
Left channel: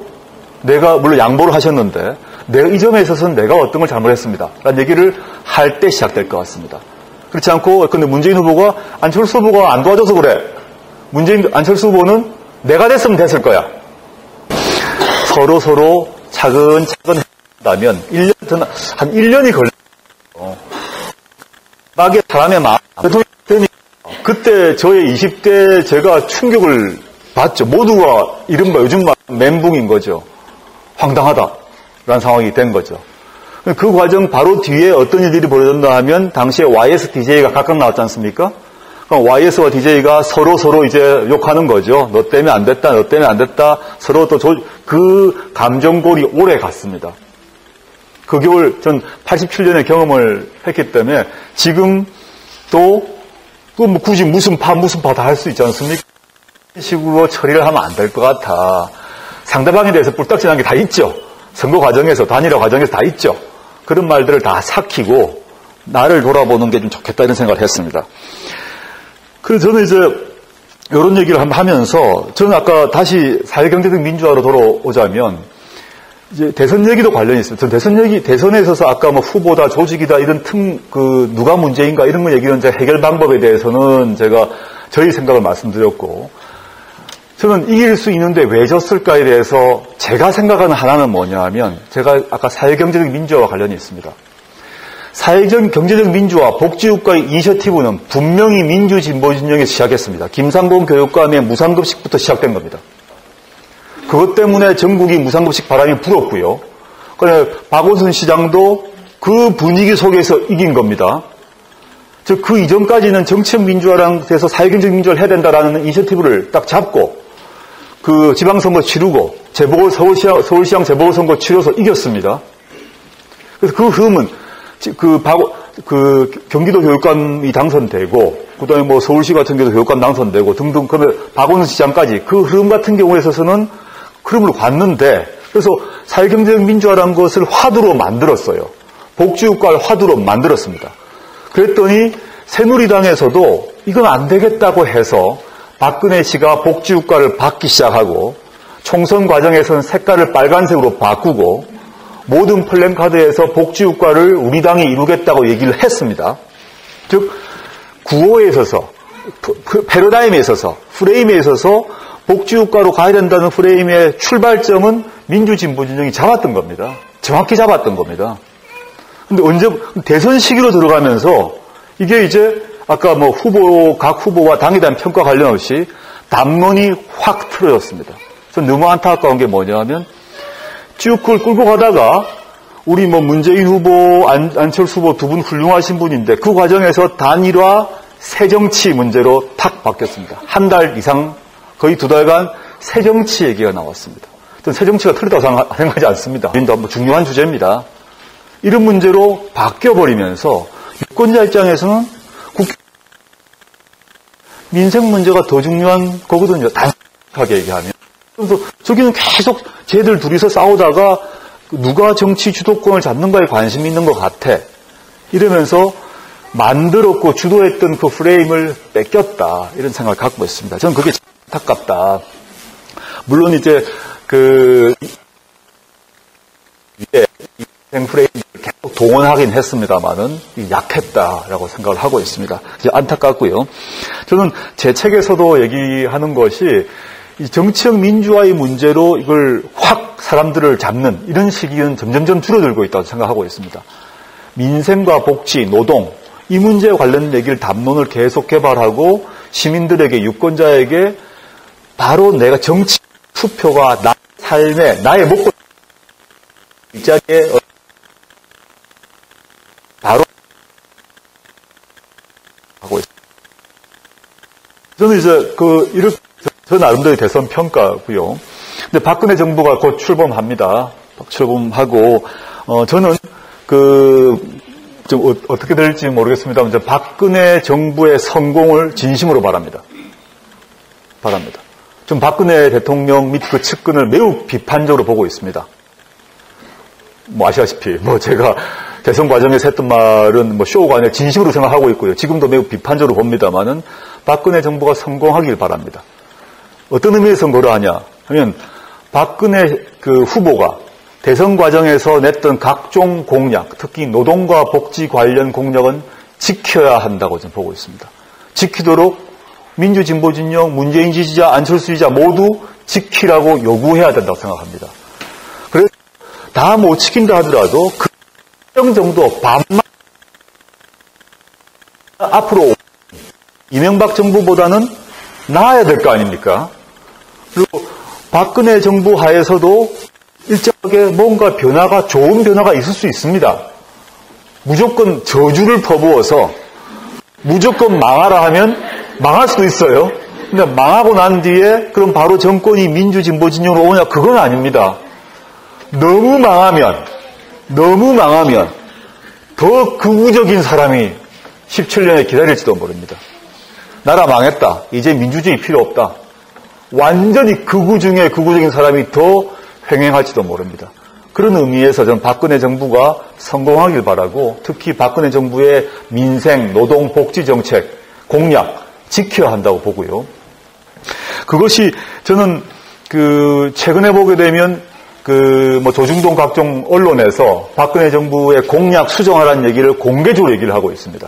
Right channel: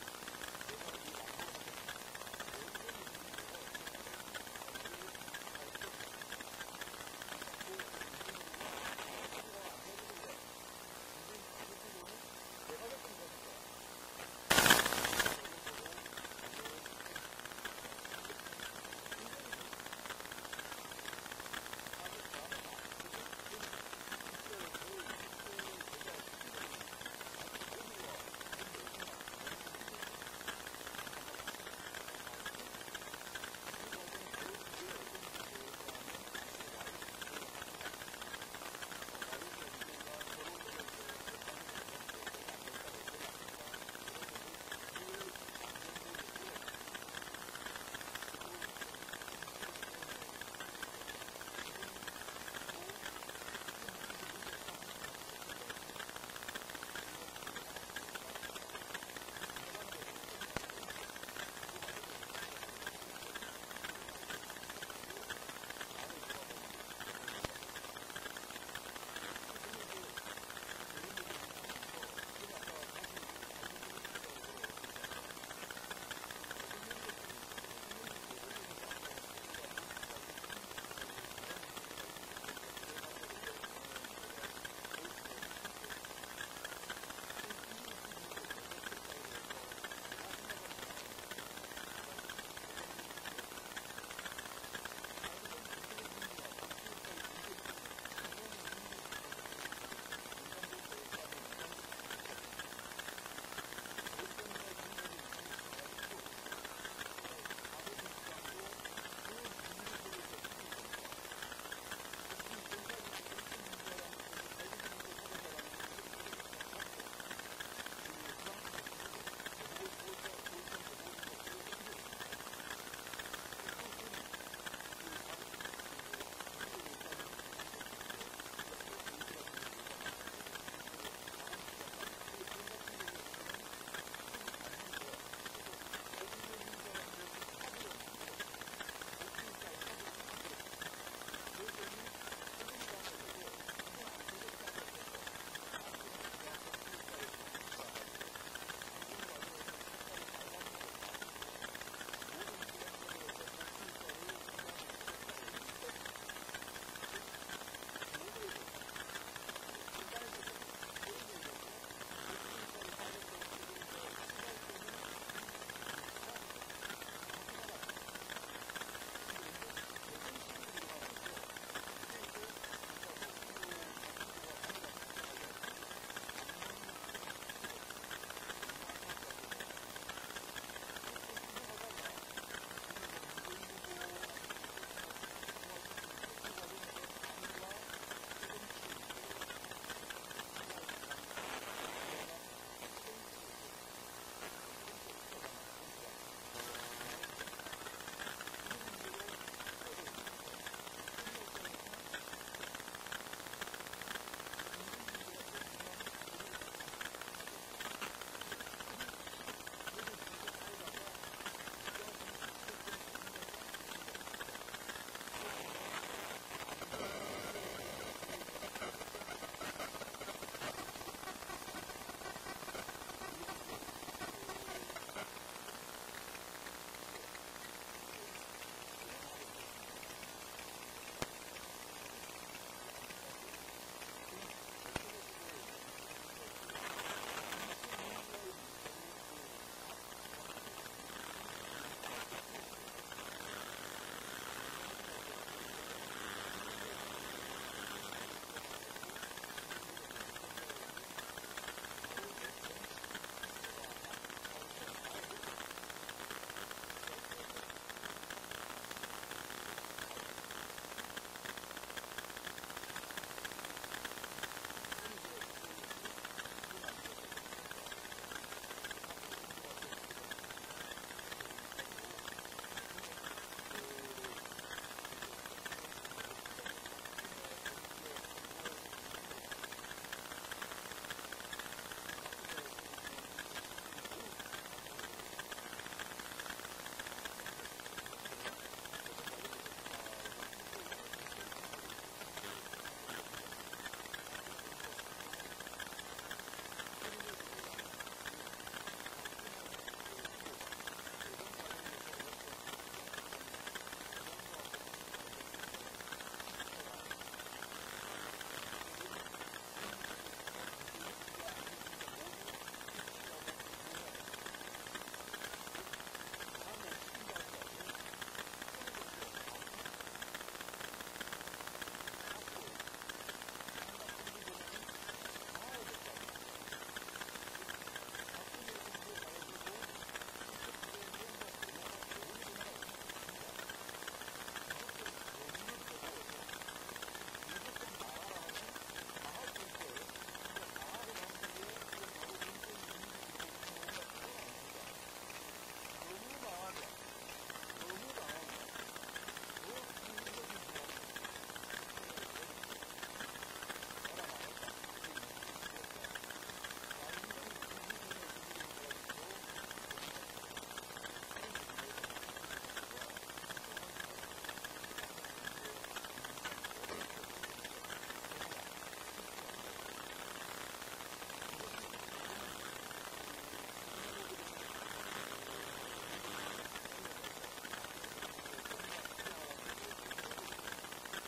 내가 물론 양보를 하셨는데 내가 이 점에 있어서는 내가 어떤 걸 잘못했습니다 라는 얘기를 할 때 시작될 것 같습니다. 그렇지 않고 근데 문재인 후보가 안철수 후보가 안 도와줘서 그래. 안철수 후보는 내가 됐으면 됐을 거야. 서로 차근차근 한다면 한 1년이 걸려요. 막에 사람의 마음 그때 저의 20대 제가 충격을 받죠. 모두가 이른바 요즘 말 멘붕인 거죠. 황당하다라는 상황이 된 거죠. 그 과정 바로 뒤에 어떤 일들이 벌어졌나 하면 당시에 YS DJ가 각각 나왔지 않습니까? 그럼 YS와 DJ가 서로 이제 욕하는 거죠. 너 때문에 안 됐다, 너 때문에 안 됐다. 서로 또 그 감정골이 오래 갔습니다. 그 겨울 전 87년에 경험을 했기 때문에 지금 또 뭐 굳이 무슨 파 다 할 수 있지 않습니까? 이런 식으로 처리를 하면 안 될 것 같아. 상대방에 대해서 뿔딱지난 게 다 있죠. 선거 과정에서, 단일화 과정에서 다 있죠. 그런 말들을 다 삭히고 나를 돌아보는 게 좀 좋겠다 이런 생각을 했습니다. 그래서 저는 이제 이런 얘기를 하면서 저는 아까 다시 사회경제적 민주화로 돌아오자면 이제 대선 얘기도 관련이 있습니다. 저는 대선에 있어서 아까 뭐 후보다 조직이다 이런 누가 문제인가 이런 거 얘기는 제 해결 방법에 대해서는 제가 저희 생각을 말씀드렸고 저는 이길 수 있는데 왜 졌을까에 대해서 제가 생각하는 하나는 뭐냐 하면 제가 아까 사회경제적 민주화와 관련이 있습니다. 사회적 경제적 민주화 복지국가의 이니셔티브는 분명히 민주진보진영에서 시작했습니다. 김상곤 교육감의 무상급식부터 시작된 겁니다. 그것 때문에 전국이 무상급식 바람이 불었고요. 그래 박원순 시장도 그 분위기 속에서 이긴 겁니다. 즉 그 이전까지는 정치적 민주화랑 돼서 사회경제적 민주화를 해야 된다라는 이니셔티브를 딱 잡고 그 지방선거 치르고 서울시장 재보궐선거 치러서 이겼습니다. 그래서 그 흐름은 경기도 교육감이 당선되고 그다음에 뭐 서울시 같은 경우도 교육감 당선되고 등등 그다음에 박원순 시장까지 그 흐름 같은 경우에 있어서는 흐름을 봤는데 그래서 사회경제적 민주화라는 것을 화두로 만들었어요. 복지국가를 화두로 만들었습니다. 그랬더니 새누리당에서도 이건 안 되겠다고 해서 박근혜 씨가 복지국가를 받기 시작하고 총선 과정에서는 색깔을 빨간색으로 바꾸고 모든 플랜카드에서 복지국가를 우리 당이 이루겠다고 얘기를 했습니다. 즉 구호에 있어서 패러다임에 있어서 프레임에 있어서 복지국가로 가야 된다는 프레임의 출발점은 민주진보진영이 잡았던 겁니다. 정확히 잡았던 겁니다. 근데 대선 시기로 들어가면서 이게 이제 아까 뭐 각 후보와 당에 대한 평가 관련 없이 담론이 확 틀어졌습니다. 전 너무 안타까운 게 뭐냐 하면 쭉 그걸 끌고 가다가 우리 뭐 문재인 후보, 안철수 후보 두 분 훌륭하신 분인데 그 과정에서 단일화 새정치 문제로 탁 바뀌었습니다. 한 달 이상 거의 2달간 새정치 얘기가 나왔습니다. 저는 새정치가 틀리다고 생각하지 않습니다. 중요한 주제입니다. 이런 문제로 바뀌어버리면서 유권자 입장에서는 민생 문제가 더 중요한 거거든요. 단순하게 얘기하면. 그래서 저기는 계속 쟤들 둘이서 싸우다가 누가 정치 주도권을 잡는가에 관심이 있는 것 같아. 이러면서 만들었고 주도했던 그 프레임을 뺏겼다. 이런 생각을 갖고 있습니다. 저는 그게 안타깝다. 물론 이제 민생 프레임을 계속 동원하긴 했습니다만은 약했다라고 생각을 하고 있습니다. 이제 안타깝고요. 저는 제 책에서도 얘기하는 것이 이 정치적 민주화의 문제로 이걸 확 사람들을 잡는 이런 시기는 점점점 줄어들고 있다고 생각하고 있습니다. 민생과 복지, 노동 이 문제에 관련 얘기를 담론을 계속 개발하고 시민들에게 유권자에게 바로 내가 정치 투표가 나 삶에 나의 목표 일자리에 바로 하고 있습니다. 저는 이제 이렇게 저 나름대로 대선 평가고요. 근데 박근혜 정부가 곧 출범합니다. 출범하고 저는 좀 어떻게 될지 모르겠습니다만 이제 박근혜 정부의 성공을 진심으로 바랍니다. 좀 박근혜 대통령 및 그 측근을 매우 비판적으로 보고 있습니다. 아시다시피 제가 대선 과정에서 했던 말은 쇼가 아니라 진심으로 생각하고 있고요. 지금도 매우 비판적으로 봅니다만은 박근혜 정부가 성공하길 바랍니다. 어떤 의미에서 뭐라 하냐 하면 박근혜 후보가 대선 과정에서 냈던 각종 공약, 특히 노동과 복지 관련 공약은 지켜야 한다고 저는 보고 있습니다. 지키도록 민주진보진영, 문재인 지지자, 안철수 지지자 모두 지키라고 요구해야 된다고 생각합니다. 그래서 다 못 지킨다 하더라도 그 정도 반만 앞으로 이명박 정부보다는 나아야 될 거 아닙니까? 그리고 박근혜 정부 하에서도 일정하게 뭔가 좋은 변화가 있을 수 있습니다. 무조건 저주를 퍼부어서 무조건 망하라 하면 망할 수도 있어요. 근데 망하고 난 뒤에 그럼 바로 정권이 민주진보진영으로 오냐? 그건 아닙니다. 너무 망하면 더 극우적인 사람이 17년에 기다릴지도 모릅니다. 나라 망했다. 이제 민주주의 필요 없다. 완전히 극우 중에 극우적인 사람이 더 횡행할지도 모릅니다. 그런 의미에서 저는 박근혜 정부가 성공하길 바라고 특히 박근혜 정부의 민생, 노동, 복지 정책, 공약 지켜야 한다고 보고요. 그것이 저는 최근에 보게 되면 조중동 각종 언론에서 박근혜 정부의 공약 수정하라는 얘기를 공개적으로 얘기를 하고 있습니다.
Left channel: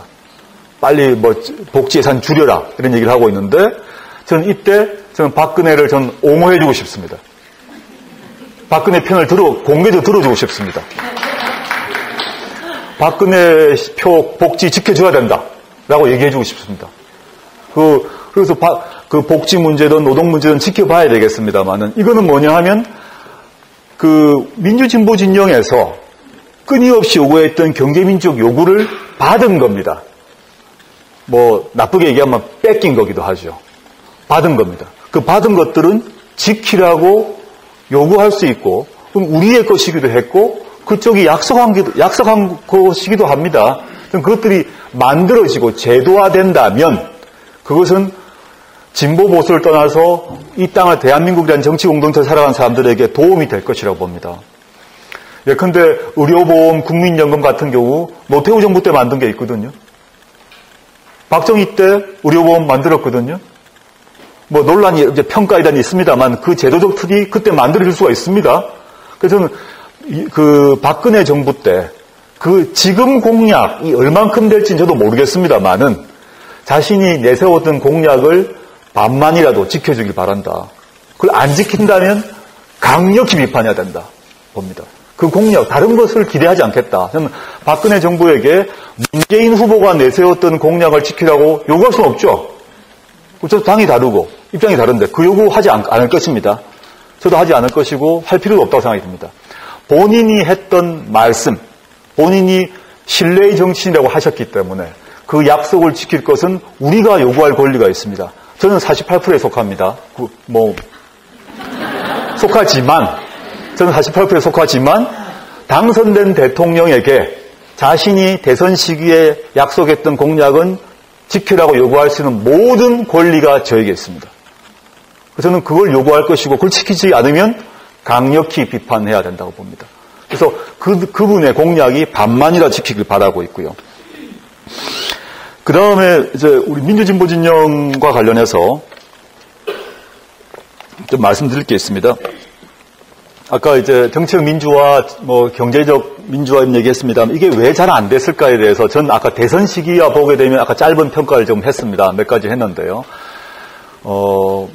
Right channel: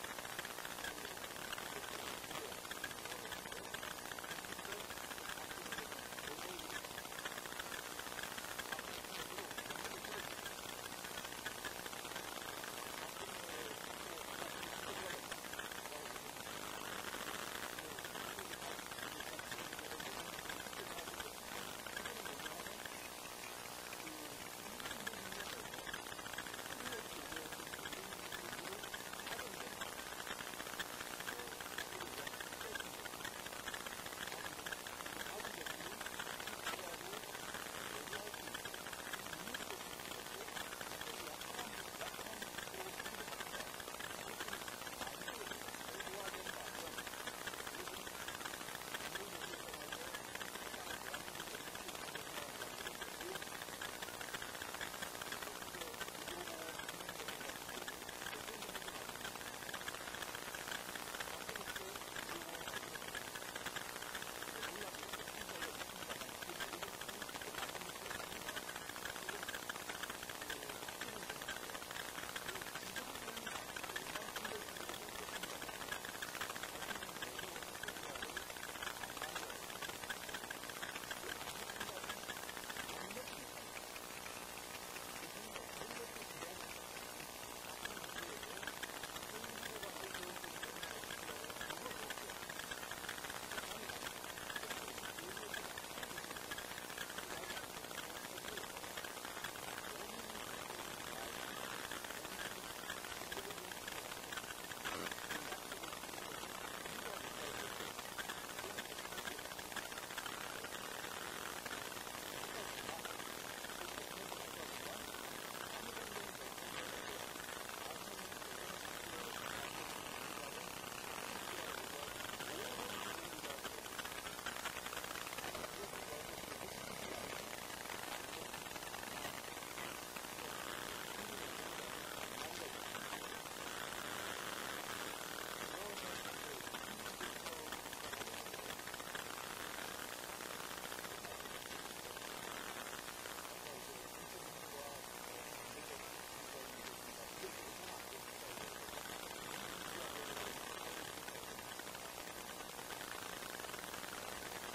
빨리 복지 예산 줄여라 이런 얘기를 하고 있는데 저는 이때 박근혜를 옹호해주고 싶습니다. 박근혜 편을 공개적으로 들어주고 싶습니다. 박근혜 표 복지 지켜줘야 된다라고 얘기해주고 싶습니다. 그래서 복지 문제든 노동 문제든 지켜봐야 되겠습니다만은 이거는 뭐냐 하면 민주진보 진영에서 끊임없이 요구했던 경제민주적 요구를 받은 겁니다. 나쁘게 얘기하면 뺏긴 거기도 하죠. 받은 겁니다. 그 받은 것들은 지키라고 요구할 수 있고, 그럼 우리의 것이기도 했고, 그쪽이 약속한 것이기도 합니다. 그럼 그것들이 만들어지고 제도화된다면, 그것은 진보 보수를 떠나서 이 땅을 대한민국이라는 정치 공동체에 살아가는 사람들에게 도움이 될 것이라고 봅니다. 예컨대 의료보험, 국민연금 같은 경우 노태우 정부 때 만든 게 있거든요. 박정희 때 의료보험 만들었거든요. 논란이 이제 평가이단이 있습니다만 그 제도적 틀이 그때 만들어질 수가 있습니다. 그래서 저는 박근혜 정부 때 지금 공약이 얼만큼 될지는 저도 모르겠습니다만은 자신이 내세웠던 공약을 반만이라도 지켜주길 바란다. 그걸 안 지킨다면 강력히 비판해야 된다 봅니다. 그 공약, 다른 것을 기대하지 않겠다. 저는 박근혜 정부에게 문재인 후보가 내세웠던 공약을 지키라고 요구할 수는 없죠. 저도 당이 다르고 입장이 다른데 그 요구하지 않을 것입니다. 저도 하지 않을 것이고 할 필요도 없다고 생각이 듭니다. 본인이 했던 말씀, 본인이 신뢰의 정치인이라고 하셨기 때문에 그 약속을 지킬 것은 우리가 요구할 권리가 있습니다. 저는 48%에 속합니다. 저는 48%에 속하지만 당선된 대통령에게 자신이 대선 시기에 약속했던 공약은 지키라고 요구할 수 있는 모든 권리가 저에게 있습니다. 저는 그걸 요구할 것이고 그걸 지키지 않으면 강력히 비판해야 된다고 봅니다. 그래서 그분의 공약이 반만이라 지키길 바라고 있고요. 그 다음에 이제 우리 민주진보 진영과 관련해서 좀 말씀드릴 게 있습니다. 아까 이제 정책 민주화, 경제적 민주화 얘기했습니다. 이게 왜 잘 안 됐을까에 대해서 전 아까 대선 시기와 보게 되면 아까 짧은 평가를 좀 했습니다. 몇 가지 했는데요.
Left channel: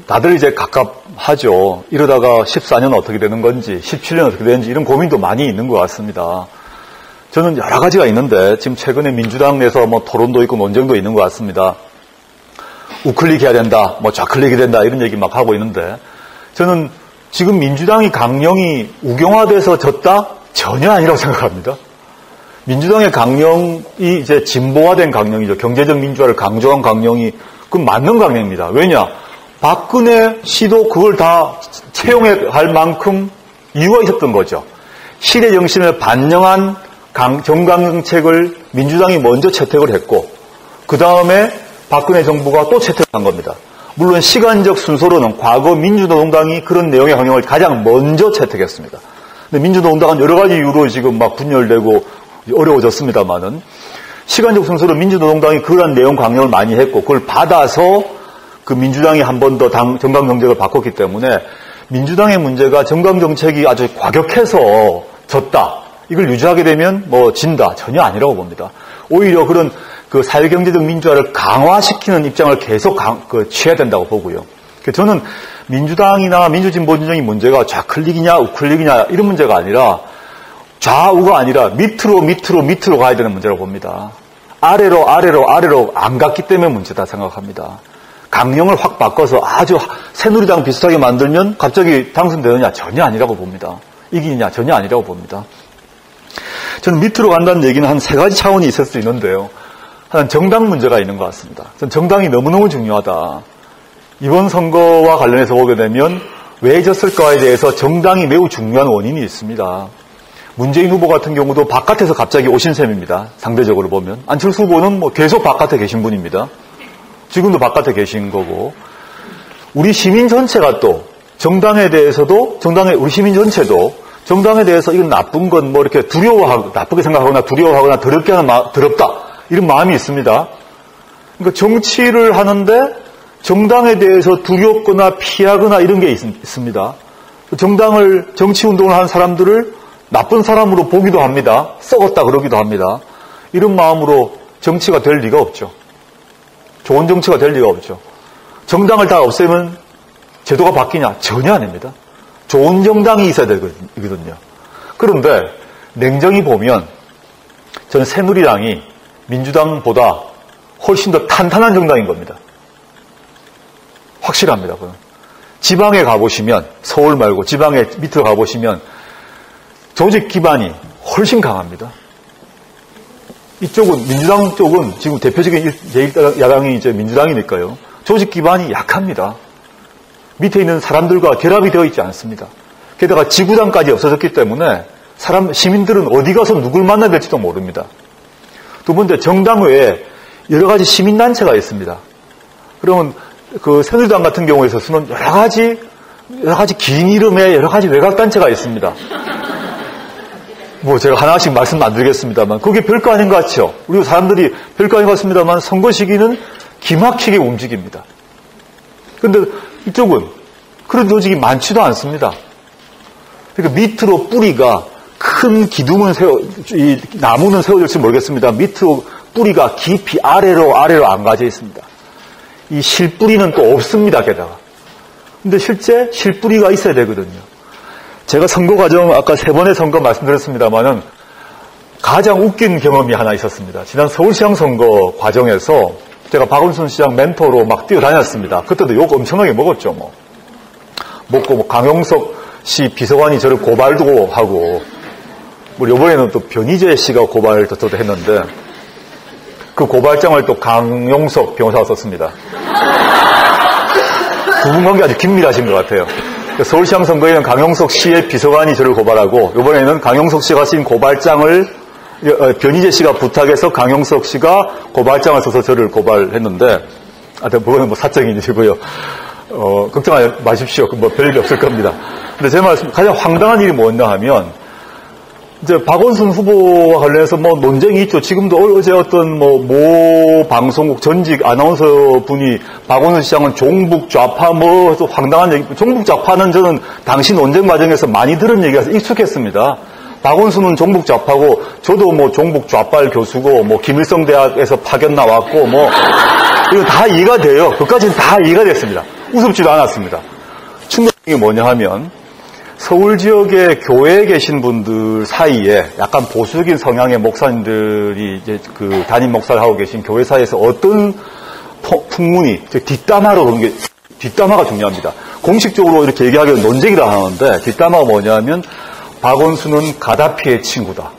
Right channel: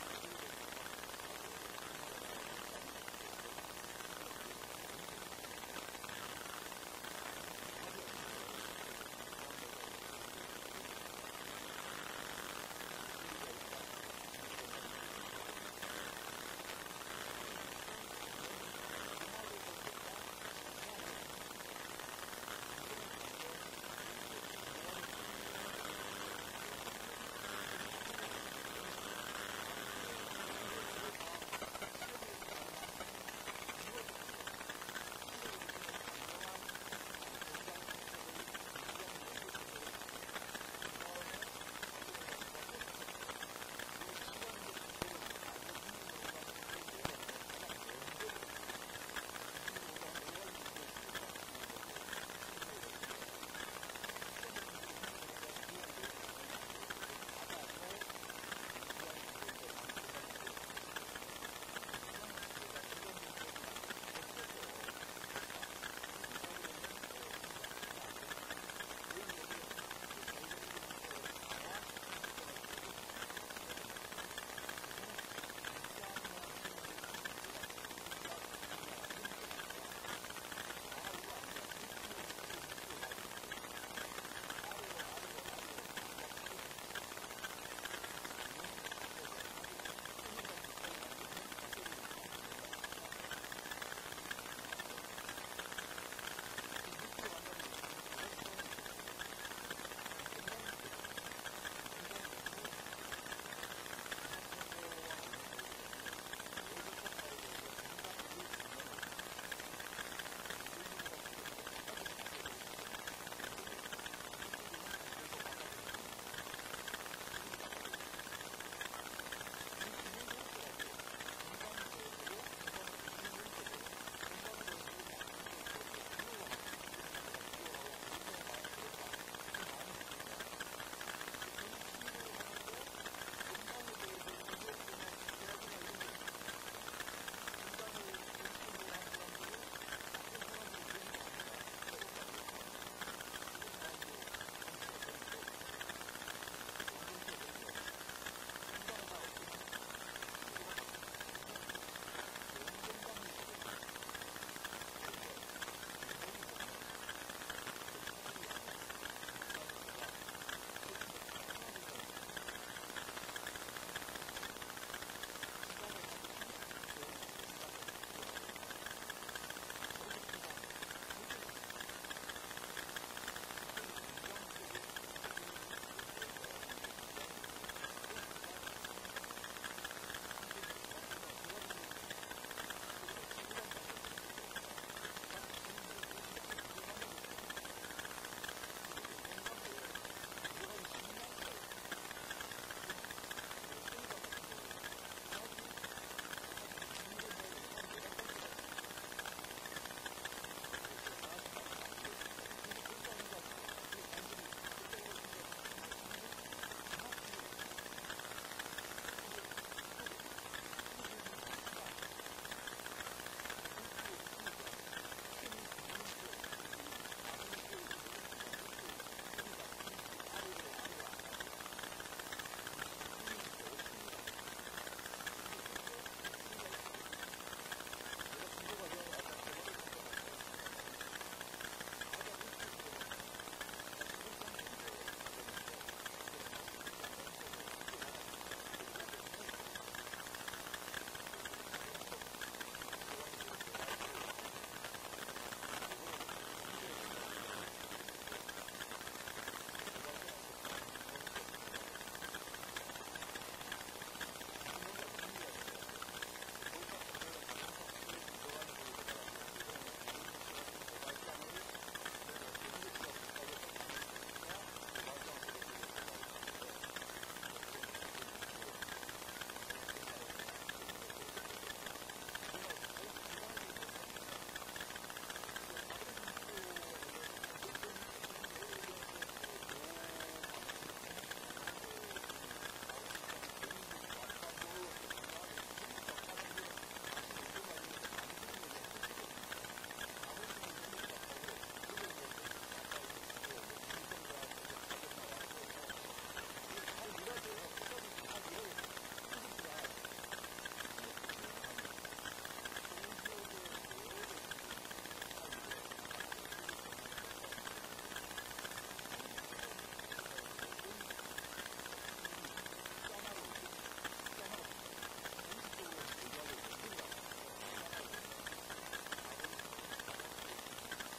다들 이제 갑갑하죠. 이러다가 14년 어떻게 되는 건지, 17년 어떻게 되는지 이런 고민도 많이 있는 것 같습니다. 저는 여러 가지가 있는데 지금 최근에 민주당 내에서 토론도 있고 논쟁도 있는 것 같습니다. 우클릭 해야 된다, 좌클릭이 된다 이런 얘기 막 하고 있는데 저는 지금 민주당이 강령이 우경화돼서 졌다? 전혀 아니라고 생각합니다. 민주당의 강령이 이제 진보화된 강령이죠. 경제적 민주화를 강조한 강령이 그건 맞는 강령입니다. 왜냐? 박근혜 씨도 그걸 다 채용할 만큼 이유가 있었던 거죠. 시대 정신을 반영한 정강정책을 민주당이 먼저 채택을 했고 그 다음에 박근혜 정부가 또 채택한 겁니다. 물론 시간적 순서로는 과거 민주노동당이 그런 내용의 강령을 가장 먼저 채택했습니다. 근데 민주노동당은 여러 가지 이유로 지금 막 분열되고 어려워졌습니다만은 시간적 순서로 민주노동당이 그러한 내용 강령을 많이 했고 그걸 받아서 그 민주당이 한 번 더 정강정책을 바꿨기 때문에 민주당의 문제가 정강정책이 아주 과격해서 졌다. 이걸 유지하게 되면 뭐 진다. 전혀 아니라고 봅니다. 오히려 그런 그 사회경제적 민주화를 강화시키는 입장을 계속 취해야 된다고 보고요. 저는 민주당이나 민주진보진영의 문제가 좌클릭이냐 우클릭이냐 이런 문제가 아니라 좌우가 아니라 밑으로 가야 되는 문제라고 봅니다. 아래로 안 갔기 때문에 문제다 생각합니다. 강령을 확 바꿔서 아주 새누리당 비슷하게 만들면 갑자기 당선되느냐? 전혀 아니라고 봅니다. 이기느냐? 전혀 아니라고 봅니다. 저는 밑으로 간다는 얘기는 한 세 가지 차원이 있을 수 있는데요. 한 정당 문제가 있는 것 같습니다. 전 정당이 너무너무 중요하다. 이번 선거와 관련해서 보게 되면 왜 졌을까에 대해서 정당이 매우 중요한 원인이 있습니다. 문재인 후보 같은 경우도 바깥에서 갑자기 오신 셈입니다. 상대적으로 보면. 안철수 후보는 뭐 계속 바깥에 계신 분입니다. 지금도 바깥에 계신 거고. 우리 시민 전체가 또 정당에 대해서도 우리 시민 전체도 정당에 대해서 이건 나쁜 건 뭐 이렇게 두려워하고 나쁘게 생각하거나 두려워하거나 더럽게 하는 더럽다 이런 마음이 있습니다. 그러니까 정치를 하는데 정당에 대해서 두렵거나 피하거나 이런 게 있습니다. 정치운동을 하는 사람들을 나쁜 사람으로 보기도 합니다. 썩었다 그러기도 합니다. 이런 마음으로 정치가 될 리가 없죠. 좋은 정치가 될 리가 없죠. 정당을 다 없애면 제도가 바뀌냐? 전혀 아닙니다. 좋은 정당이 있어야 되거든요. 그런데 냉정히 보면 저는 새누리당이 민주당보다 훨씬 더 탄탄한 정당인 겁니다. 확실합니다. 그건. 지방에 가보시면 서울 말고 지방에 밑으로 가보시면 조직 기반이 훨씬 강합니다. 이쪽은 민주당 쪽은 지금 대표적인 제1야당이 이제 민주당이니까요. 조직 기반이 약합니다. 밑에 있는 사람들과 결합이 되어 있지 않습니다. 게다가 지구당까지 없어졌기 때문에 시민들은 어디 가서 누굴 만나야 될지도 모릅니다. 두 번째, 정당 외에 여러 가지 시민단체가 있습니다. 그러면 그 새누리당 같은 경우에 있어서는 여러 가지 긴 이름의 여러 가지 외곽단체가 있습니다. 뭐 제가 하나씩 말씀 안 드리겠습니다만 그게 별거 아닌 것 같죠. 우리 사람들이 별거 아닌 것 같습니다만 선거 시기는 기막히게 움직입니다. 그런데 이쪽은 그런 조직이 많지도 않습니다. 그러니까 밑으로 뿌리가 큰 기둥은 나무는 세워질지 모르겠습니다. 밑으로 뿌리가 깊이 아래로 안 가져 있습니다. 이 실뿌리는 또 없습니다. 게다가. 근데 실제 실뿌리가 있어야 되거든요. 제가 선거 과정 아까 3번의 선거 말씀드렸습니다만은 가장 웃긴 경험이 하나 있었습니다. 지난 서울시장 선거 과정에서 제가 박원순 시장 멘토로 막 뛰어다녔습니다. 그때도 욕 엄청나게 먹었죠. 먹고 강용석 씨 비서관이 저를 고발도 하고 이번에는 또 변희재 씨가 고발도 저도 했는데 그 고발장을 또 강용석 변호사가 썼습니다. 두 분 관계 아주 긴밀하신 것 같아요. 서울시장 선거에는 강용석 씨의 비서관이 저를 고발하고 이번에는 강용석 씨가 쓴 고발장을 변희재 씨가 부탁해서 강용석 씨가 고발장을 써서 저를 고발했는데 그거는 뭐 사적인 일이고요. 걱정하지 마십시오. 뭐 별일 없을 겁니다. 근데 제 말씀 가장 황당한 일이 뭐였나 하면 이제 박원순 후보와 관련해서 뭐 논쟁이 있죠. 지금도 어제 어떤 모 방송국 전직 아나운서 분이 박원순 시장은 종북 좌파 또 황당한 얘기. 종북 좌파는 저는 당시 논쟁 과정에서 많이 들은 얘기라서 익숙했습니다. 박원순은 종북 좌파고 저도 뭐 종북 좌빨 교수고 뭐 김일성 대학에서 파견 나왔고 뭐 이거 다 이해가 돼요. 그까지는 다 이해가 됐습니다. 우습지도 않았습니다. 충격이 뭐냐 하면 서울 지역의 교회에 계신 분들 사이에 약간 보수적인 성향의 목사님들이 이제 그 담임 목사를 하고 계신 교회 사이에서 어떤 풍문이 뒷담화로 그런 게 뒷담화가 중요합니다. 공식적으로 이렇게 얘기하기는 논쟁이라 하는데 뒷담화가 뭐냐면 박원순은 가다피의 친구다.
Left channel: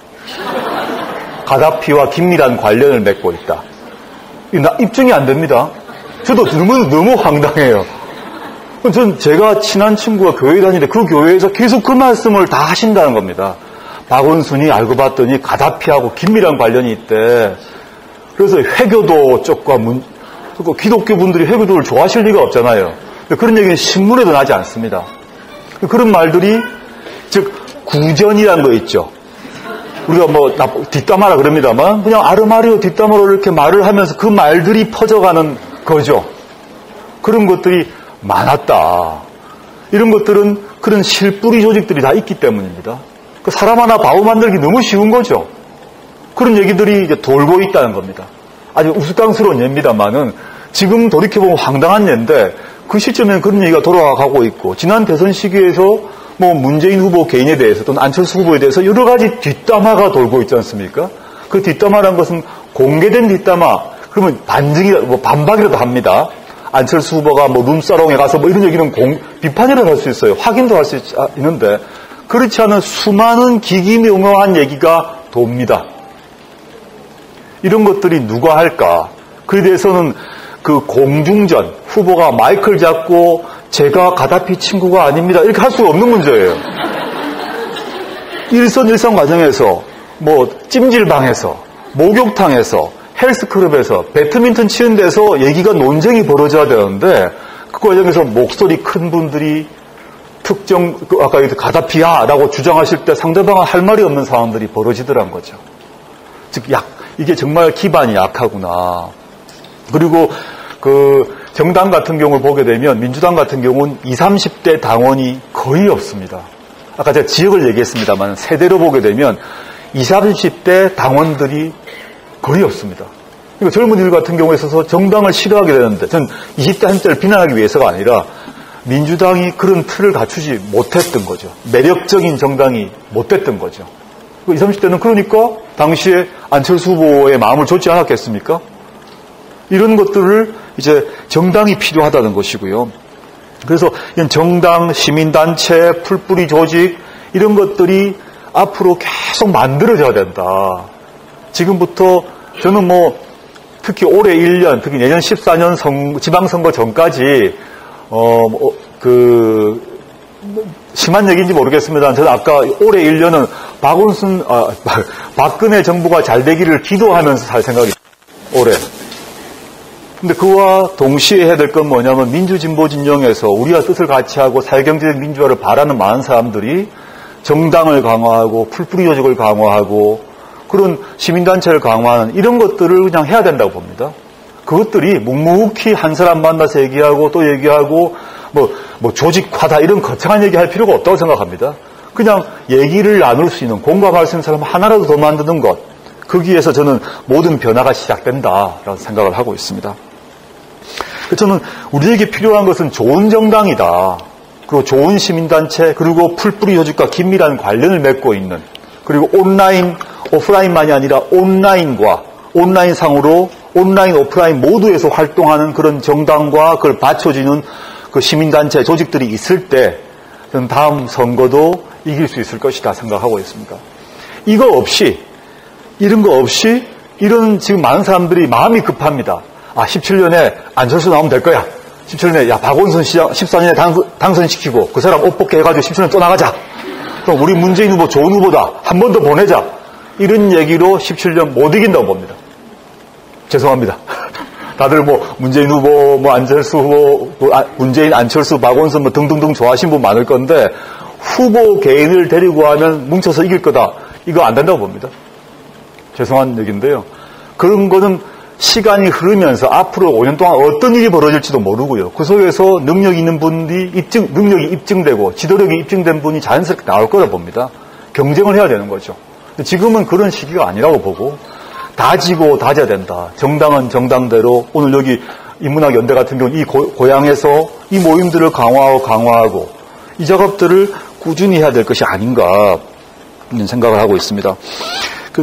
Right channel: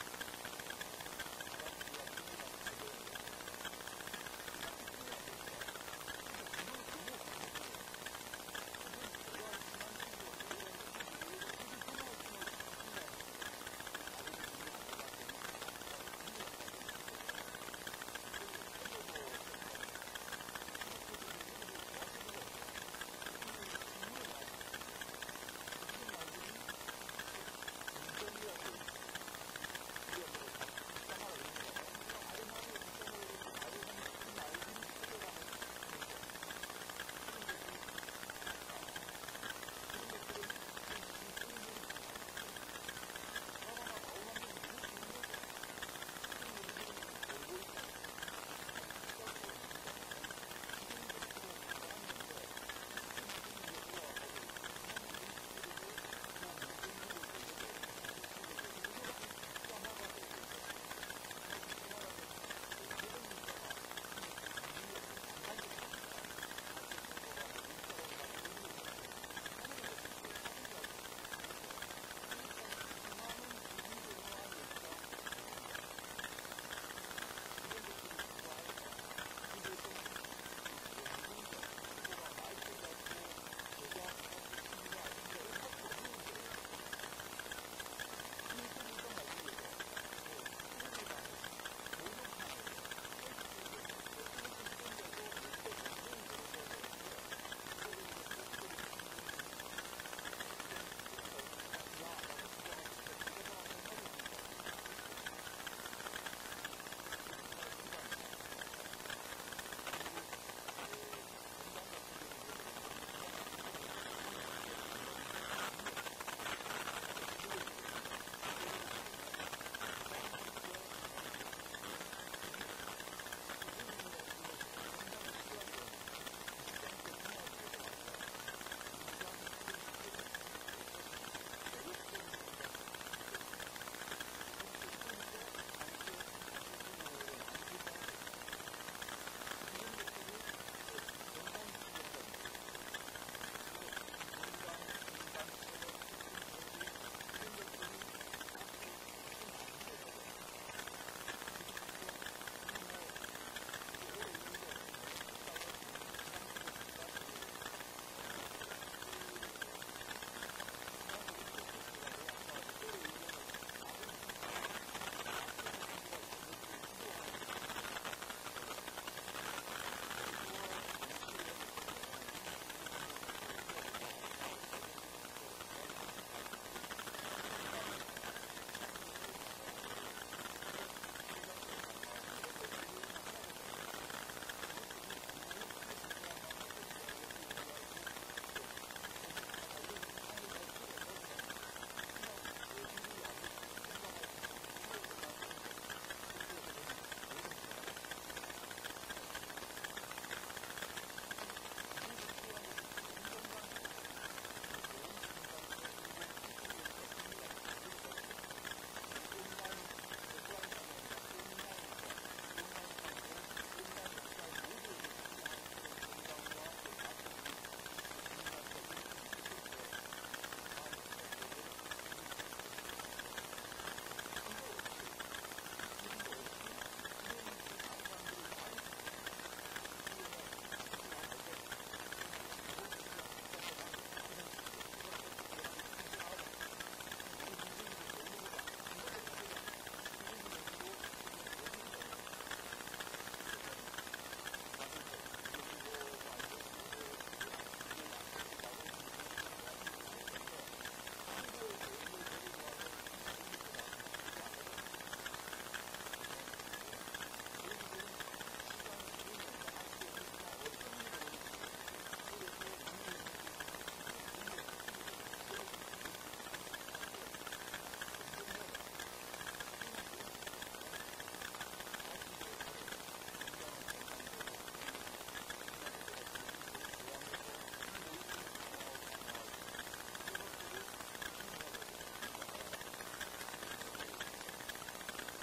가다피와 긴밀한 관련을 맺고 있다. 입증이 안 됩니다. 저도 너무 황당해요. 전 제가 친한 친구가 교회 다니는데 그 교회에서 계속 그 말씀을 다 하신다는 겁니다. 박원순이 알고 봤더니 가다피하고 긴밀한 관련이 있대. 그래서 회교도 쪽과 기독교 분들이 회교도를 좋아하실 리가 없잖아요. 그런 얘기는 신문에도 나지 않습니다. 그런 말들이 즉 구전이라는 거 있죠. 우리가 뭐 뒷담화라 그럽니다만 그냥 아르마리오 뒷담화로 이렇게 말을 하면서 그 말들이 퍼져가는 거죠. 그런 것들이 많았다. 이런 것들은 그런 실뿌리 조직들이 다 있기 때문입니다. 사람 하나 바보 만들기 너무 쉬운 거죠. 그런 얘기들이 이제 돌고 있다는 겁니다. 아주 우스꽝스러운 예입니다만은 지금 돌이켜보면 황당한 예인데 그 시점에는 그런 얘기가 돌아가고 있고 지난 대선 시기에서 뭐 문재인 후보 개인에 대해서 또는 안철수 후보에 대해서 여러 가지 뒷담화가 돌고 있지 않습니까? 그 뒷담화라는 것은 공개된 뒷담화, 그러면 반박이라도 합니다. 안철수 후보가 뭐 룸사롱에 가서 뭐 이런 얘기는 비판이라도 할 수 있어요. 확인도 할 수 있는데 그렇지 않은 수많은 기기묘묘한 얘기가 돕니다. 이런 것들이 누가 할까? 그에 대해서는 그 공중전, 후보가 마이크를 잡고 제가 가다피 친구가 아닙니다. 이렇게 할 수가 없는 문제예요. 일선 과정에서 뭐 찜질방에서 목욕탕에서 헬스클럽에서 배드민턴 치는 데서 얘기가 논쟁이 벌어져야 되는데 그 과정에서 목소리 큰 분들이 특정 아까 가다피야라고 주장하실 때 상대방은 할 말이 없는 상황들이 벌어지더란 거죠. 즉 이게 정말 기반이 약하구나. 그리고 그 정당 같은 경우를 보게 되면 민주당 같은 경우는 20, 30대 당원이 거의 없습니다. 아까 제가 지역을 얘기했습니다만 세대로 보게 되면 20, 30대 당원들이 거의 없습니다. 그러니까 젊은이들 같은 경우에 있어서 정당을 싫어하게 되는데 전 20대 30대를 비난하기 위해서가 아니라 민주당이 그런 틀을 갖추지 못했던 거죠. 매력적인 정당이 못됐던 거죠. 20, 30대는 그러니까 당시에 안철수 후보의 마음을 줬지 않았겠습니까? 이런 것들을 이제 정당이 필요하다는 것이고요. 그래서 이런 정당, 시민단체, 풀뿌리 조직 이런 것들이 앞으로 계속 만들어져야 된다. 지금부터 저는 뭐 특히 올해 1년, 특히 내년 14년 지방선거 전까지 심한 얘기인지 모르겠습니다. 저는 아까 올해 1년은 박근혜 정부가 잘 되기를 기도하면서 살 생각입니다. 올해. 근데 그와 동시에 해야 될 건 뭐냐면 민주진보 진영에서 우리와 뜻을 같이 하고 사회경제적 민주화를 바라는 많은 사람들이 정당을 강화하고 풀뿌리 조직을 강화하고 그런 시민단체를 강화하는 이런 것들을 그냥 해야 된다고 봅니다. 그것들이 묵묵히 한 사람 만나서 얘기하고 또 얘기하고 뭐 조직화다 이런 거창한 얘기할 필요가 없다고 생각합니다. 그냥 얘기를 나눌 수 있는 공감할 수 있는 사람 하나라도 더 만드는 것 거기에서 저는 모든 변화가 시작된다라는 생각을 하고 있습니다. 저는 우리에게 필요한 것은 좋은 정당이다. 그리고 좋은 시민단체 그리고 풀뿌리 조직과 긴밀한 관련을 맺고 있는 그리고 온라인, 오프라인만이 아니라 온라인과 온라인상으로 온라인, 오프라인 모두에서 활동하는 그런 정당과 그걸 받쳐주는 그 시민단체 조직들이 있을 때 저는 다음 선거도 이길 수 있을 것이다 생각하고 있습니다. 이런 거 없이 지금 많은 사람들이 마음이 급합니다. 17년에 안철수 나오면 될 거야. 17년에 박원순 시장 14년에 당선시키고 그 사람 옷 벗게 해가지고 17년 또 나가자. 그럼 우리 문재인 후보 좋은 후보다. 한 번 더 보내자. 이런 얘기로 17년 못 이긴다고 봅니다. 죄송합니다. 다들 문재인 후보, 안철수 후보, 문재인, 안철수, 박원순 등등등 좋아하시는 분 많을 건데 후보 개인을 데리고 하면 뭉쳐서 이길 거다. 이거 안 된다고 봅니다. 죄송한 얘기인데요. 그런 거는 시간이 흐르면서 앞으로 5년 동안 어떤 일이 벌어질지도 모르고요. 그 속에서 능력 있는 분이 능력이 입증되고 지도력이 입증된 분이 자연스럽게 나올 거라 봅니다. 경쟁을 해야 되는 거죠. 지금은 그런 시기가 아니라고 보고 다지고 다져야 된다. 정당은 정당대로 오늘 여기 인문학연대 같은 경우는 이 고향에서 이 모임들을 강화하고 이 작업들을 꾸준히 해야 될 것이 아닌가 이런 생각을 하고 있습니다.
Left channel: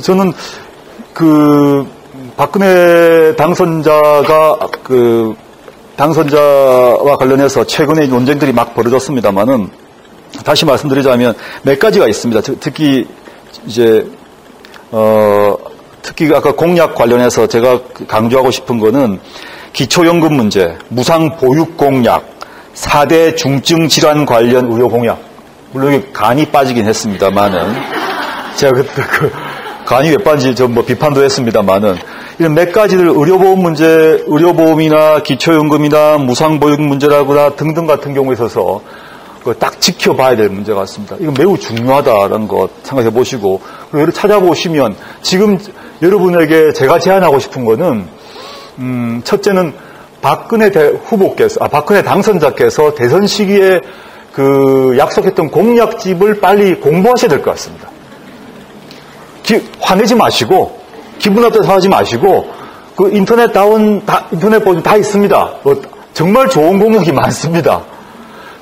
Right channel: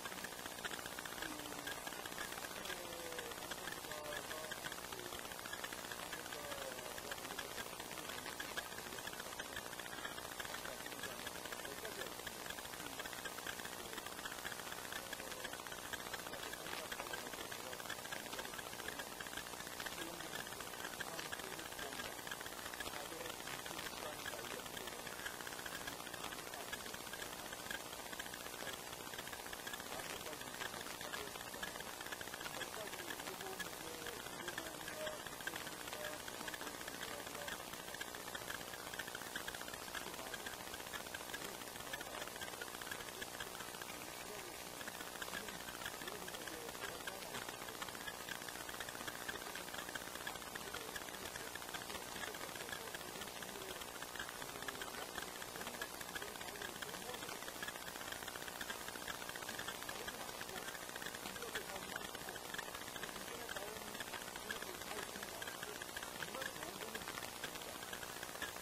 저는 박근혜 당선자가 당선자와 관련해서 최근에 논쟁들이 막 벌어졌습니다만은 다시 말씀드리자면 몇 가지가 있습니다. 특히 이제 특히 아까 공약 관련해서 제가 강조하고 싶은 거는 기초연금 문제, 무상보육 공약, 4대 중증 질환 관련 의료 공약. 물론 이게 간이 빠지긴 했습니다만은 제가 그때 간이 왜 빠진지 좀 뭐 비판도 했습니다만은 이런 몇 가지들 의료보험 문제, 의료보험이나 기초연금이나 무상보육 문제라거나 등등 같은 경우에 있어서 딱 지켜봐야 될 문제 같습니다. 이건 매우 중요하다는 것 생각해 보시고, 그리고 찾아보시면 지금 여러분에게 제가 제안하고 싶은 거는, 첫째는 박근혜 박근혜 당선자께서 대선 시기에 약속했던 공약집을 빨리 공부하셔야 될 것 같습니다. 화내지 마시고, 기분 나빠서 하지 마시고, 인터넷 보시면 다 있습니다. 정말 좋은 공약이 많습니다.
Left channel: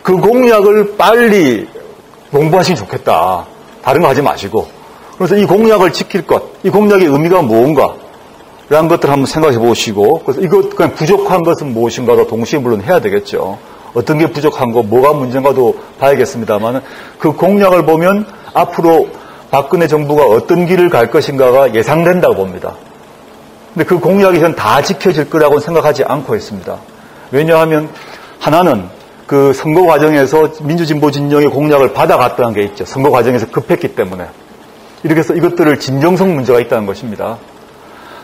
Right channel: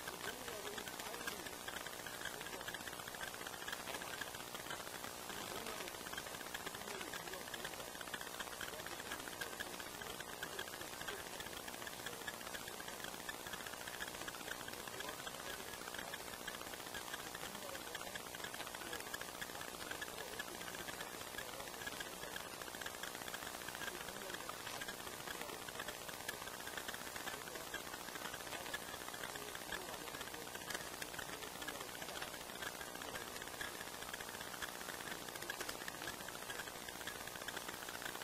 그 공약을 빨리 공부하시면 좋겠다. 다른 거 하지 마시고. 그래서 이 공약을 지킬 것, 이 공약의 의미가 무언가, 라는 것들을 한번 생각해 보시고, 그래서 이것, 그냥 부족한 것은 무엇인가도 동시에 물론 해야 되겠죠. 어떤 게 부족한 거, 뭐가 문제인가도 봐야겠습니다만, 그 공약을 보면 앞으로 박근혜 정부가 어떤 길을 갈 것인가가 예상된다고 봅니다. 근데 그 공약이 전 다 지켜질 거라고는 생각하지 않고 있습니다. 왜냐하면 하나는 그 선거 과정에서 민주진보 진영의 공약을 받아갔다는 게 있죠. 선거 과정에서 급했기 때문에. 이렇게 해서 이것들을 진정성 문제가 있다는 것입니다.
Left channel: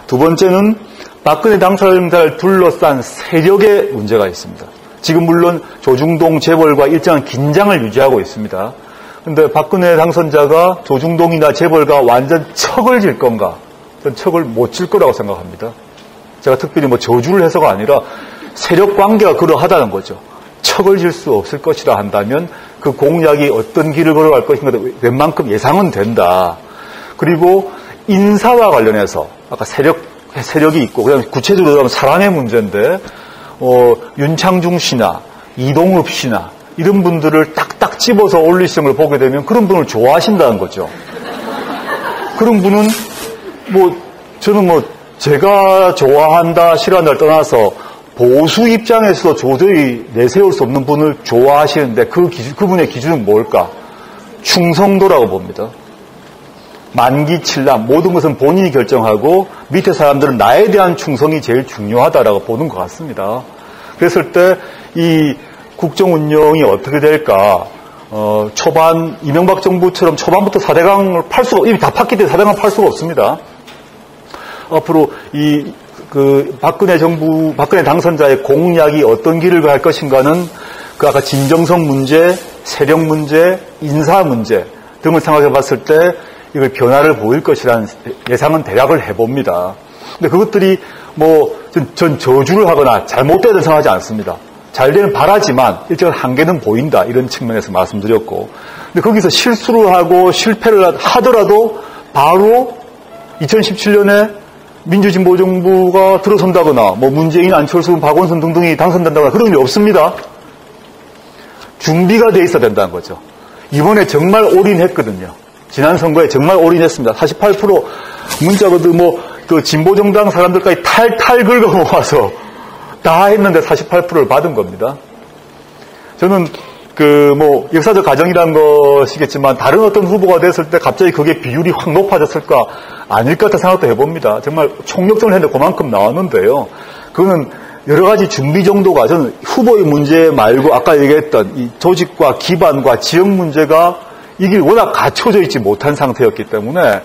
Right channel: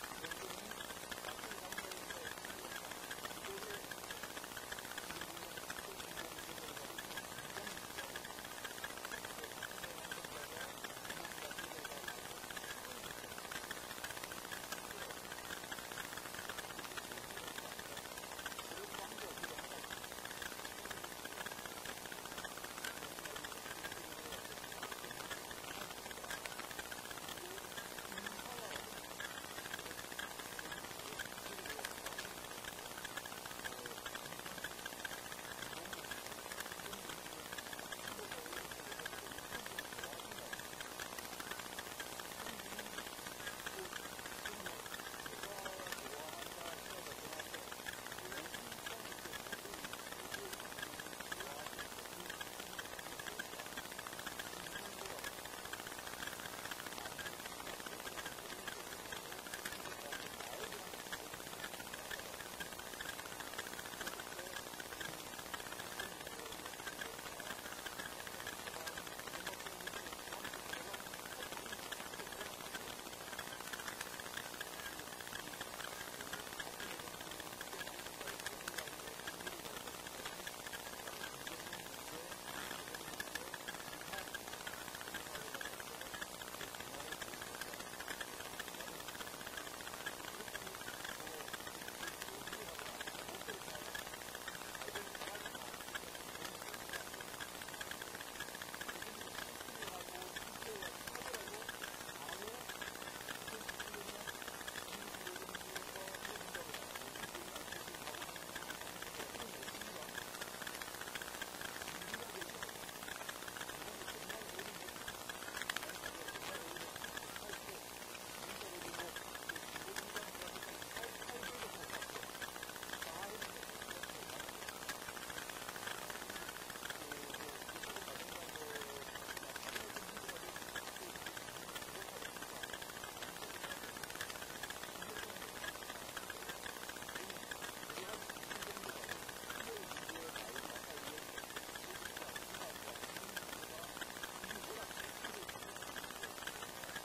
두 번째는 박근혜 당선자를 둘러싼 세력의 문제가 있습니다. 지금 물론 조중동 재벌과 일정한 긴장을 유지하고 있습니다. 그런데 박근혜 당선자가 조중동이나 재벌과 완전 척을 질 건가? 저는 척을 못 질 거라고 생각합니다. 제가 특별히 뭐 저주를 해서가 아니라 세력 관계가 그러하다는 거죠. 척을 질 수 없을 것이라 한다면 그 공약이 어떤 길을 걸어갈 것인가 웬만큼 예상은 된다. 그리고 인사와 관련해서 아까 세력이 있고 그다음에 구체적으로 하면 사람의 문제인데 윤창중 씨나 이동읍 씨나 이런 분들을 딱딱 집어서 올리시는 걸 보게 되면 그런 분을 좋아하신다는 거죠. 그런 분은 저는 제가 좋아한다 싫어한다를 떠나서 보수 입장에서도 도저히 내세울 수 없는 분을 좋아하시는데 그분의 기준은 뭘까? 충성도라고 봅니다. 만기칠람, 모든 것은 본인이 결정하고 밑에 사람들은 나에 대한 충성이 제일 중요하다라고 보는 것 같습니다. 그랬을 때 이 국정 운영이 어떻게 될까? 초반 이명박 정부처럼 초반부터 4대강을 이미 다 팠기 때문에 4대강을 팔 수가 없습니다. 앞으로 박근혜 당선자의 공약이 어떤 길을 갈 것인가는 아까 진정성 문제, 세력 문제, 인사 문제 등을 생각해 봤을 때 이걸 변화를 보일 것이라는 예상은 대략을 해봅니다. 근데 그것들이 전 저주를 하거나 잘못되다고 생각하지 않습니다. 잘 되는 바라지만 일정한 한계는 보인다. 이런 측면에서 말씀드렸고. 근데 거기서 실수를 하고 실패를 하더라도 바로 2017년에 민주진보 정부가 들어선다거나 문재인, 안철수, 박원순 등등이 당선된다거나 그런 일이 없습니다. 준비가 돼 있어야 된다는 거죠. 이번에 정말 올인했거든요. 지난 선거에 정말 올인했습니다. 48% 문자거든 그 진보정당 사람들까지 탈탈 긁어 모아서 다 했는데 48%를 받은 겁니다. 저는 역사적 과정이라는 것이겠지만 다른 어떤 후보가 됐을 때 갑자기 그게 비율이 확 높아졌을까? 아닐 것 같은 생각도 해봅니다. 정말 총력전을 했는데 그만큼 나왔는데요. 그거는 여러 가지 준비 정도가 저는 후보의 문제 말고 아까 얘기했던 이 조직과 기반과 지역 문제가 이게 워낙 갖춰져 있지 못한 상태였기 때문에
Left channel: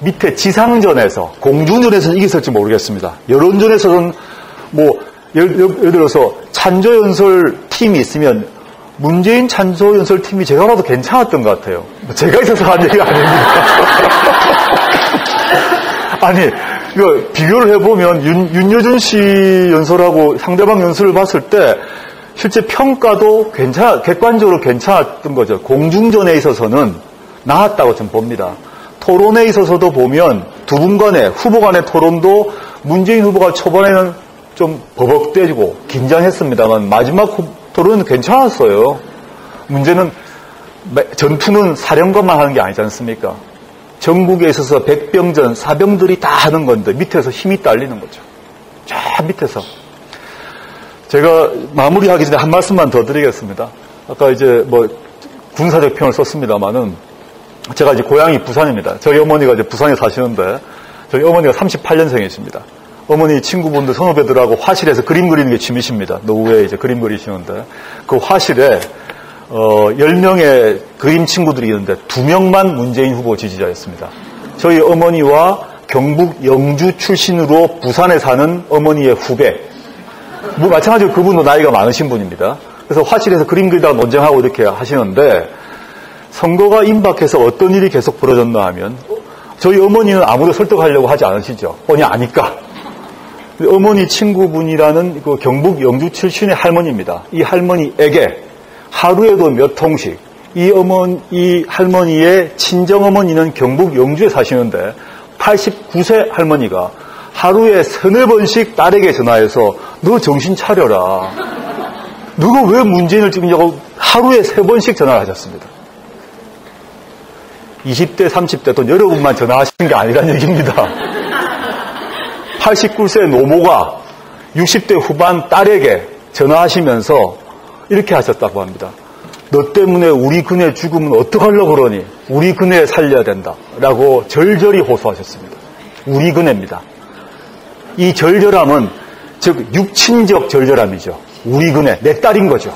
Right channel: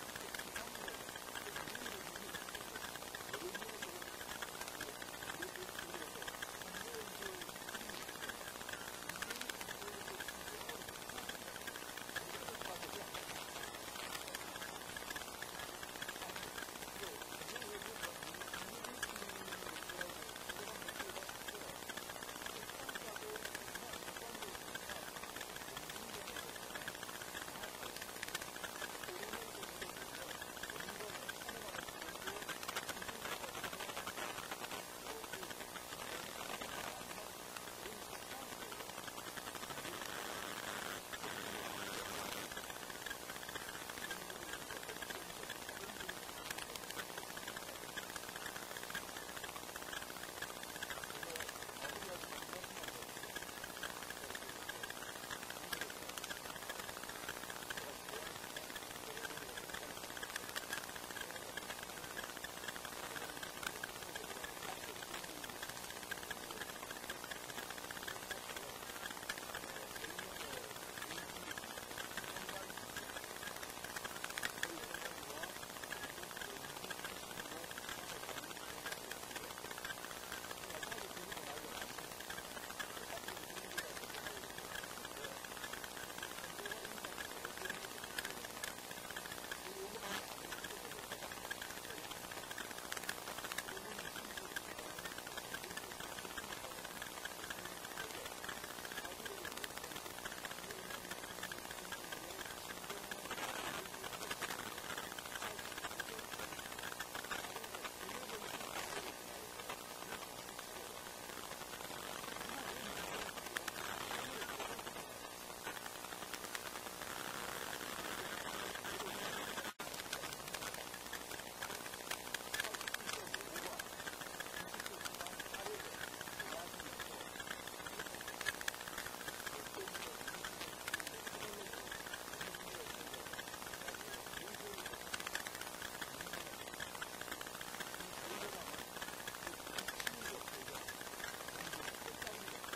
밑에 지상전에서 공중전에서는 이겼을지 모르겠습니다. 여론전에서는 예를 들어서 찬조연설 팀이 있으면 문재인 찬조연설 팀이 제가 봐도 괜찮았던 것 같아요. 제가 있어서 한 얘기가 아닙니다. 아니, 이거 비교를 해보면 윤여준 씨 연설하고 상대방 연설을 봤을 때 실제 평가도 객관적으로 괜찮았던 거죠. 공중전에 있어서는 나았다고 좀 봅니다. 토론에 있어서도 보면 두 분 간의 후보 간의 토론도 문재인 후보가 초반에는 좀 버벅대고 긴장했습니다만 마지막 토론은 괜찮았어요. 문제는 전투는 사령관만 하는 게 아니지 않습니까? 전국에 있어서 백병전, 사병들이 다 하는 건데 밑에서 힘이 딸리는 거죠. 저 밑에서. 제가 마무리하기 전에 한 말씀만 더 드리겠습니다. 아까 이제 뭐 군사적 표현을 썼습니다만은 제가 이제 고향이 부산입니다. 저희 어머니가 이제 부산에 사시는데 저희 어머니가 38년생이십니다. 어머니 친구분들, 선후배들하고 화실에서 그림 그리는 게 취미십니다. 노후에 이제 그림 그리시는데 그 화실에 10명의 그림 친구들이 있는데 2명만 문재인 후보 지지자였습니다. 저희 어머니와 경북 영주 출신으로 부산에 사는 어머니의 후배. 뭐 마찬가지로 그분도 나이가 많으신 분입니다. 그래서 화실에서 그림 그리다가 논쟁하고 이렇게 하시는데 선거가 임박해서 어떤 일이 계속 벌어졌나 하면 저희 어머니는 아무도 설득하려고 하지 않으시죠. 뻔히 아니까. 어머니 친구분이라는 그 경북 영주 출신의 할머니입니다. 이 할머니에게 하루에도 몇 통씩 이 할머니의 친정어머니는 경북 영주에 사시는데 89세 할머니가 하루에 3-4번씩 딸에게 전화해서 너 정신 차려라. 너가 왜 문재인을 찍느냐고 하루에 3번씩 전화를 하셨습니다. 20대, 30대 또 여러분만 전화하시는 게 아니란 얘기입니다. 89세 노모가 60대 후반 딸에게 전화하시면서 이렇게 하셨다고 합니다. 너 때문에 우리 그네 죽으면 어떡하려고 그러니? 우리 그네 살려야 된다. 라고 절절히 호소하셨습니다. 우리 그네입니다. 이 절절함은 즉 육친적 절절함이죠. 우리 그네, 내 딸인 거죠.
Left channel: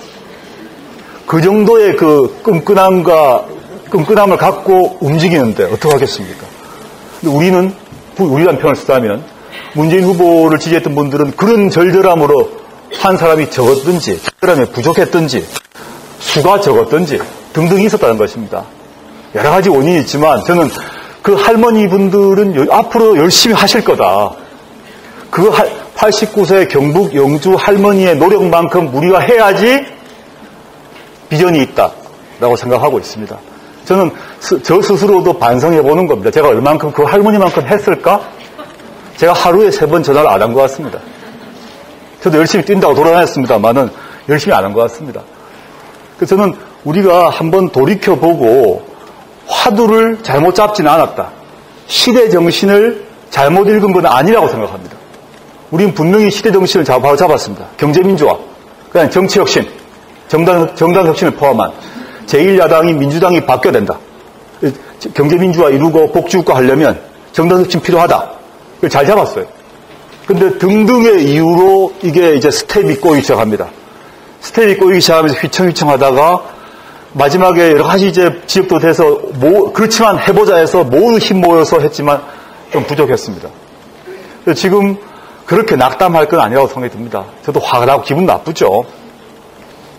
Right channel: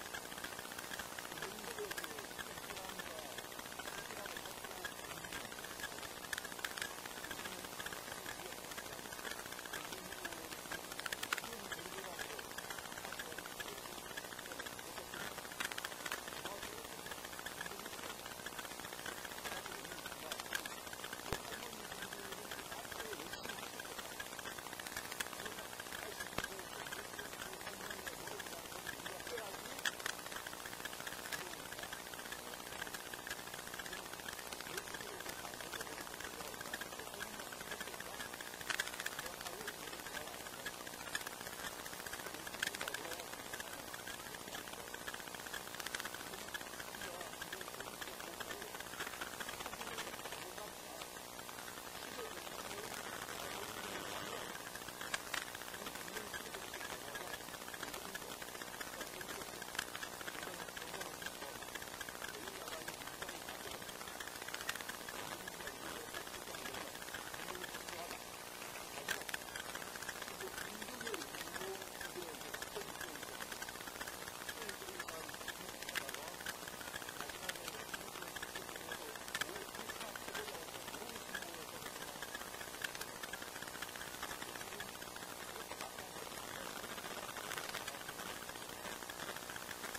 그 정도의 그 끈끈함을 갖고 움직이는데 어떡하겠습니까? 근데 우리란 표현을 쓰자면 문재인 후보를 지지했던 분들은 그런 절절함으로 한 사람이 적었든지 절절함이 부족했든지 수가 적었든지 등등 있었다는 것입니다. 여러 가지 원인이 있지만 저는 그 할머니 분들은 앞으로 열심히 하실 거다. 그 89세 경북 영주 할머니의 노력만큼 우리가 해야지 비전이 있다라고 생각하고 있습니다. 저는 저 스스로도 반성해 보는 겁니다. 제가 얼만큼 그 할머니만큼 했을까? 제가 하루에 3번 전화를 안 한 것 같습니다. 저도 열심히 뛴다고 돌아다녔습니다만은 열심히 안 한 것 같습니다. 그래서 저는 우리가 한번 돌이켜보고 화두를 잘못 잡지는 않았다. 시대 정신을 잘못 읽은 건 아니라고 생각합니다. 우리는 분명히 시대 정신을 바로 잡았습니다. 경제민주화, 그다음에 정치혁신, 정당혁신을 포함한 제1야당이 민주당이 바뀌어야 된다. 경제민주화 이루고 복지국가 하려면 정당혁신 필요하다. 그걸 잘 잡았어요. 근데 등등의 이유로 이게 이제 스텝이 꼬이기 시작합니다. 스텝이 꼬이기 시작하면서 휘청휘청 하다가 마지막에 여러 가지 이제 지역도 돼서 그렇지만 해보자 해서 모두 힘 모여서 했지만 좀 부족했습니다. 지금 그렇게 낙담할 건 아니라고 생각이 듭니다. 저도 화가 나고 기분 나쁘죠.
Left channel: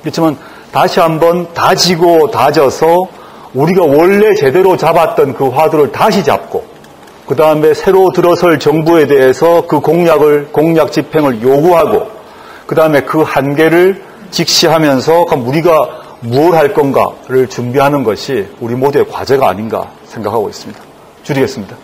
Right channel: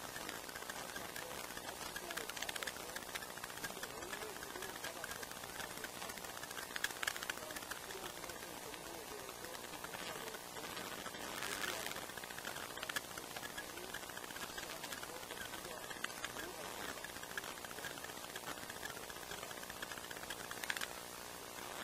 그렇지만 다시 한번 다지고 다져서 우리가 원래 제대로 잡았던 그 화두를 다시 잡고 그 다음에 새로 들어설 정부에 대해서 그 공약 집행을 요구하고 그 다음에 그 한계를 직시하면서 그럼 우리가 무엇을 할 건가를 준비하는 것이 우리 모두의 과제가 아닌가 생각하고 있습니다. 줄이겠습니다.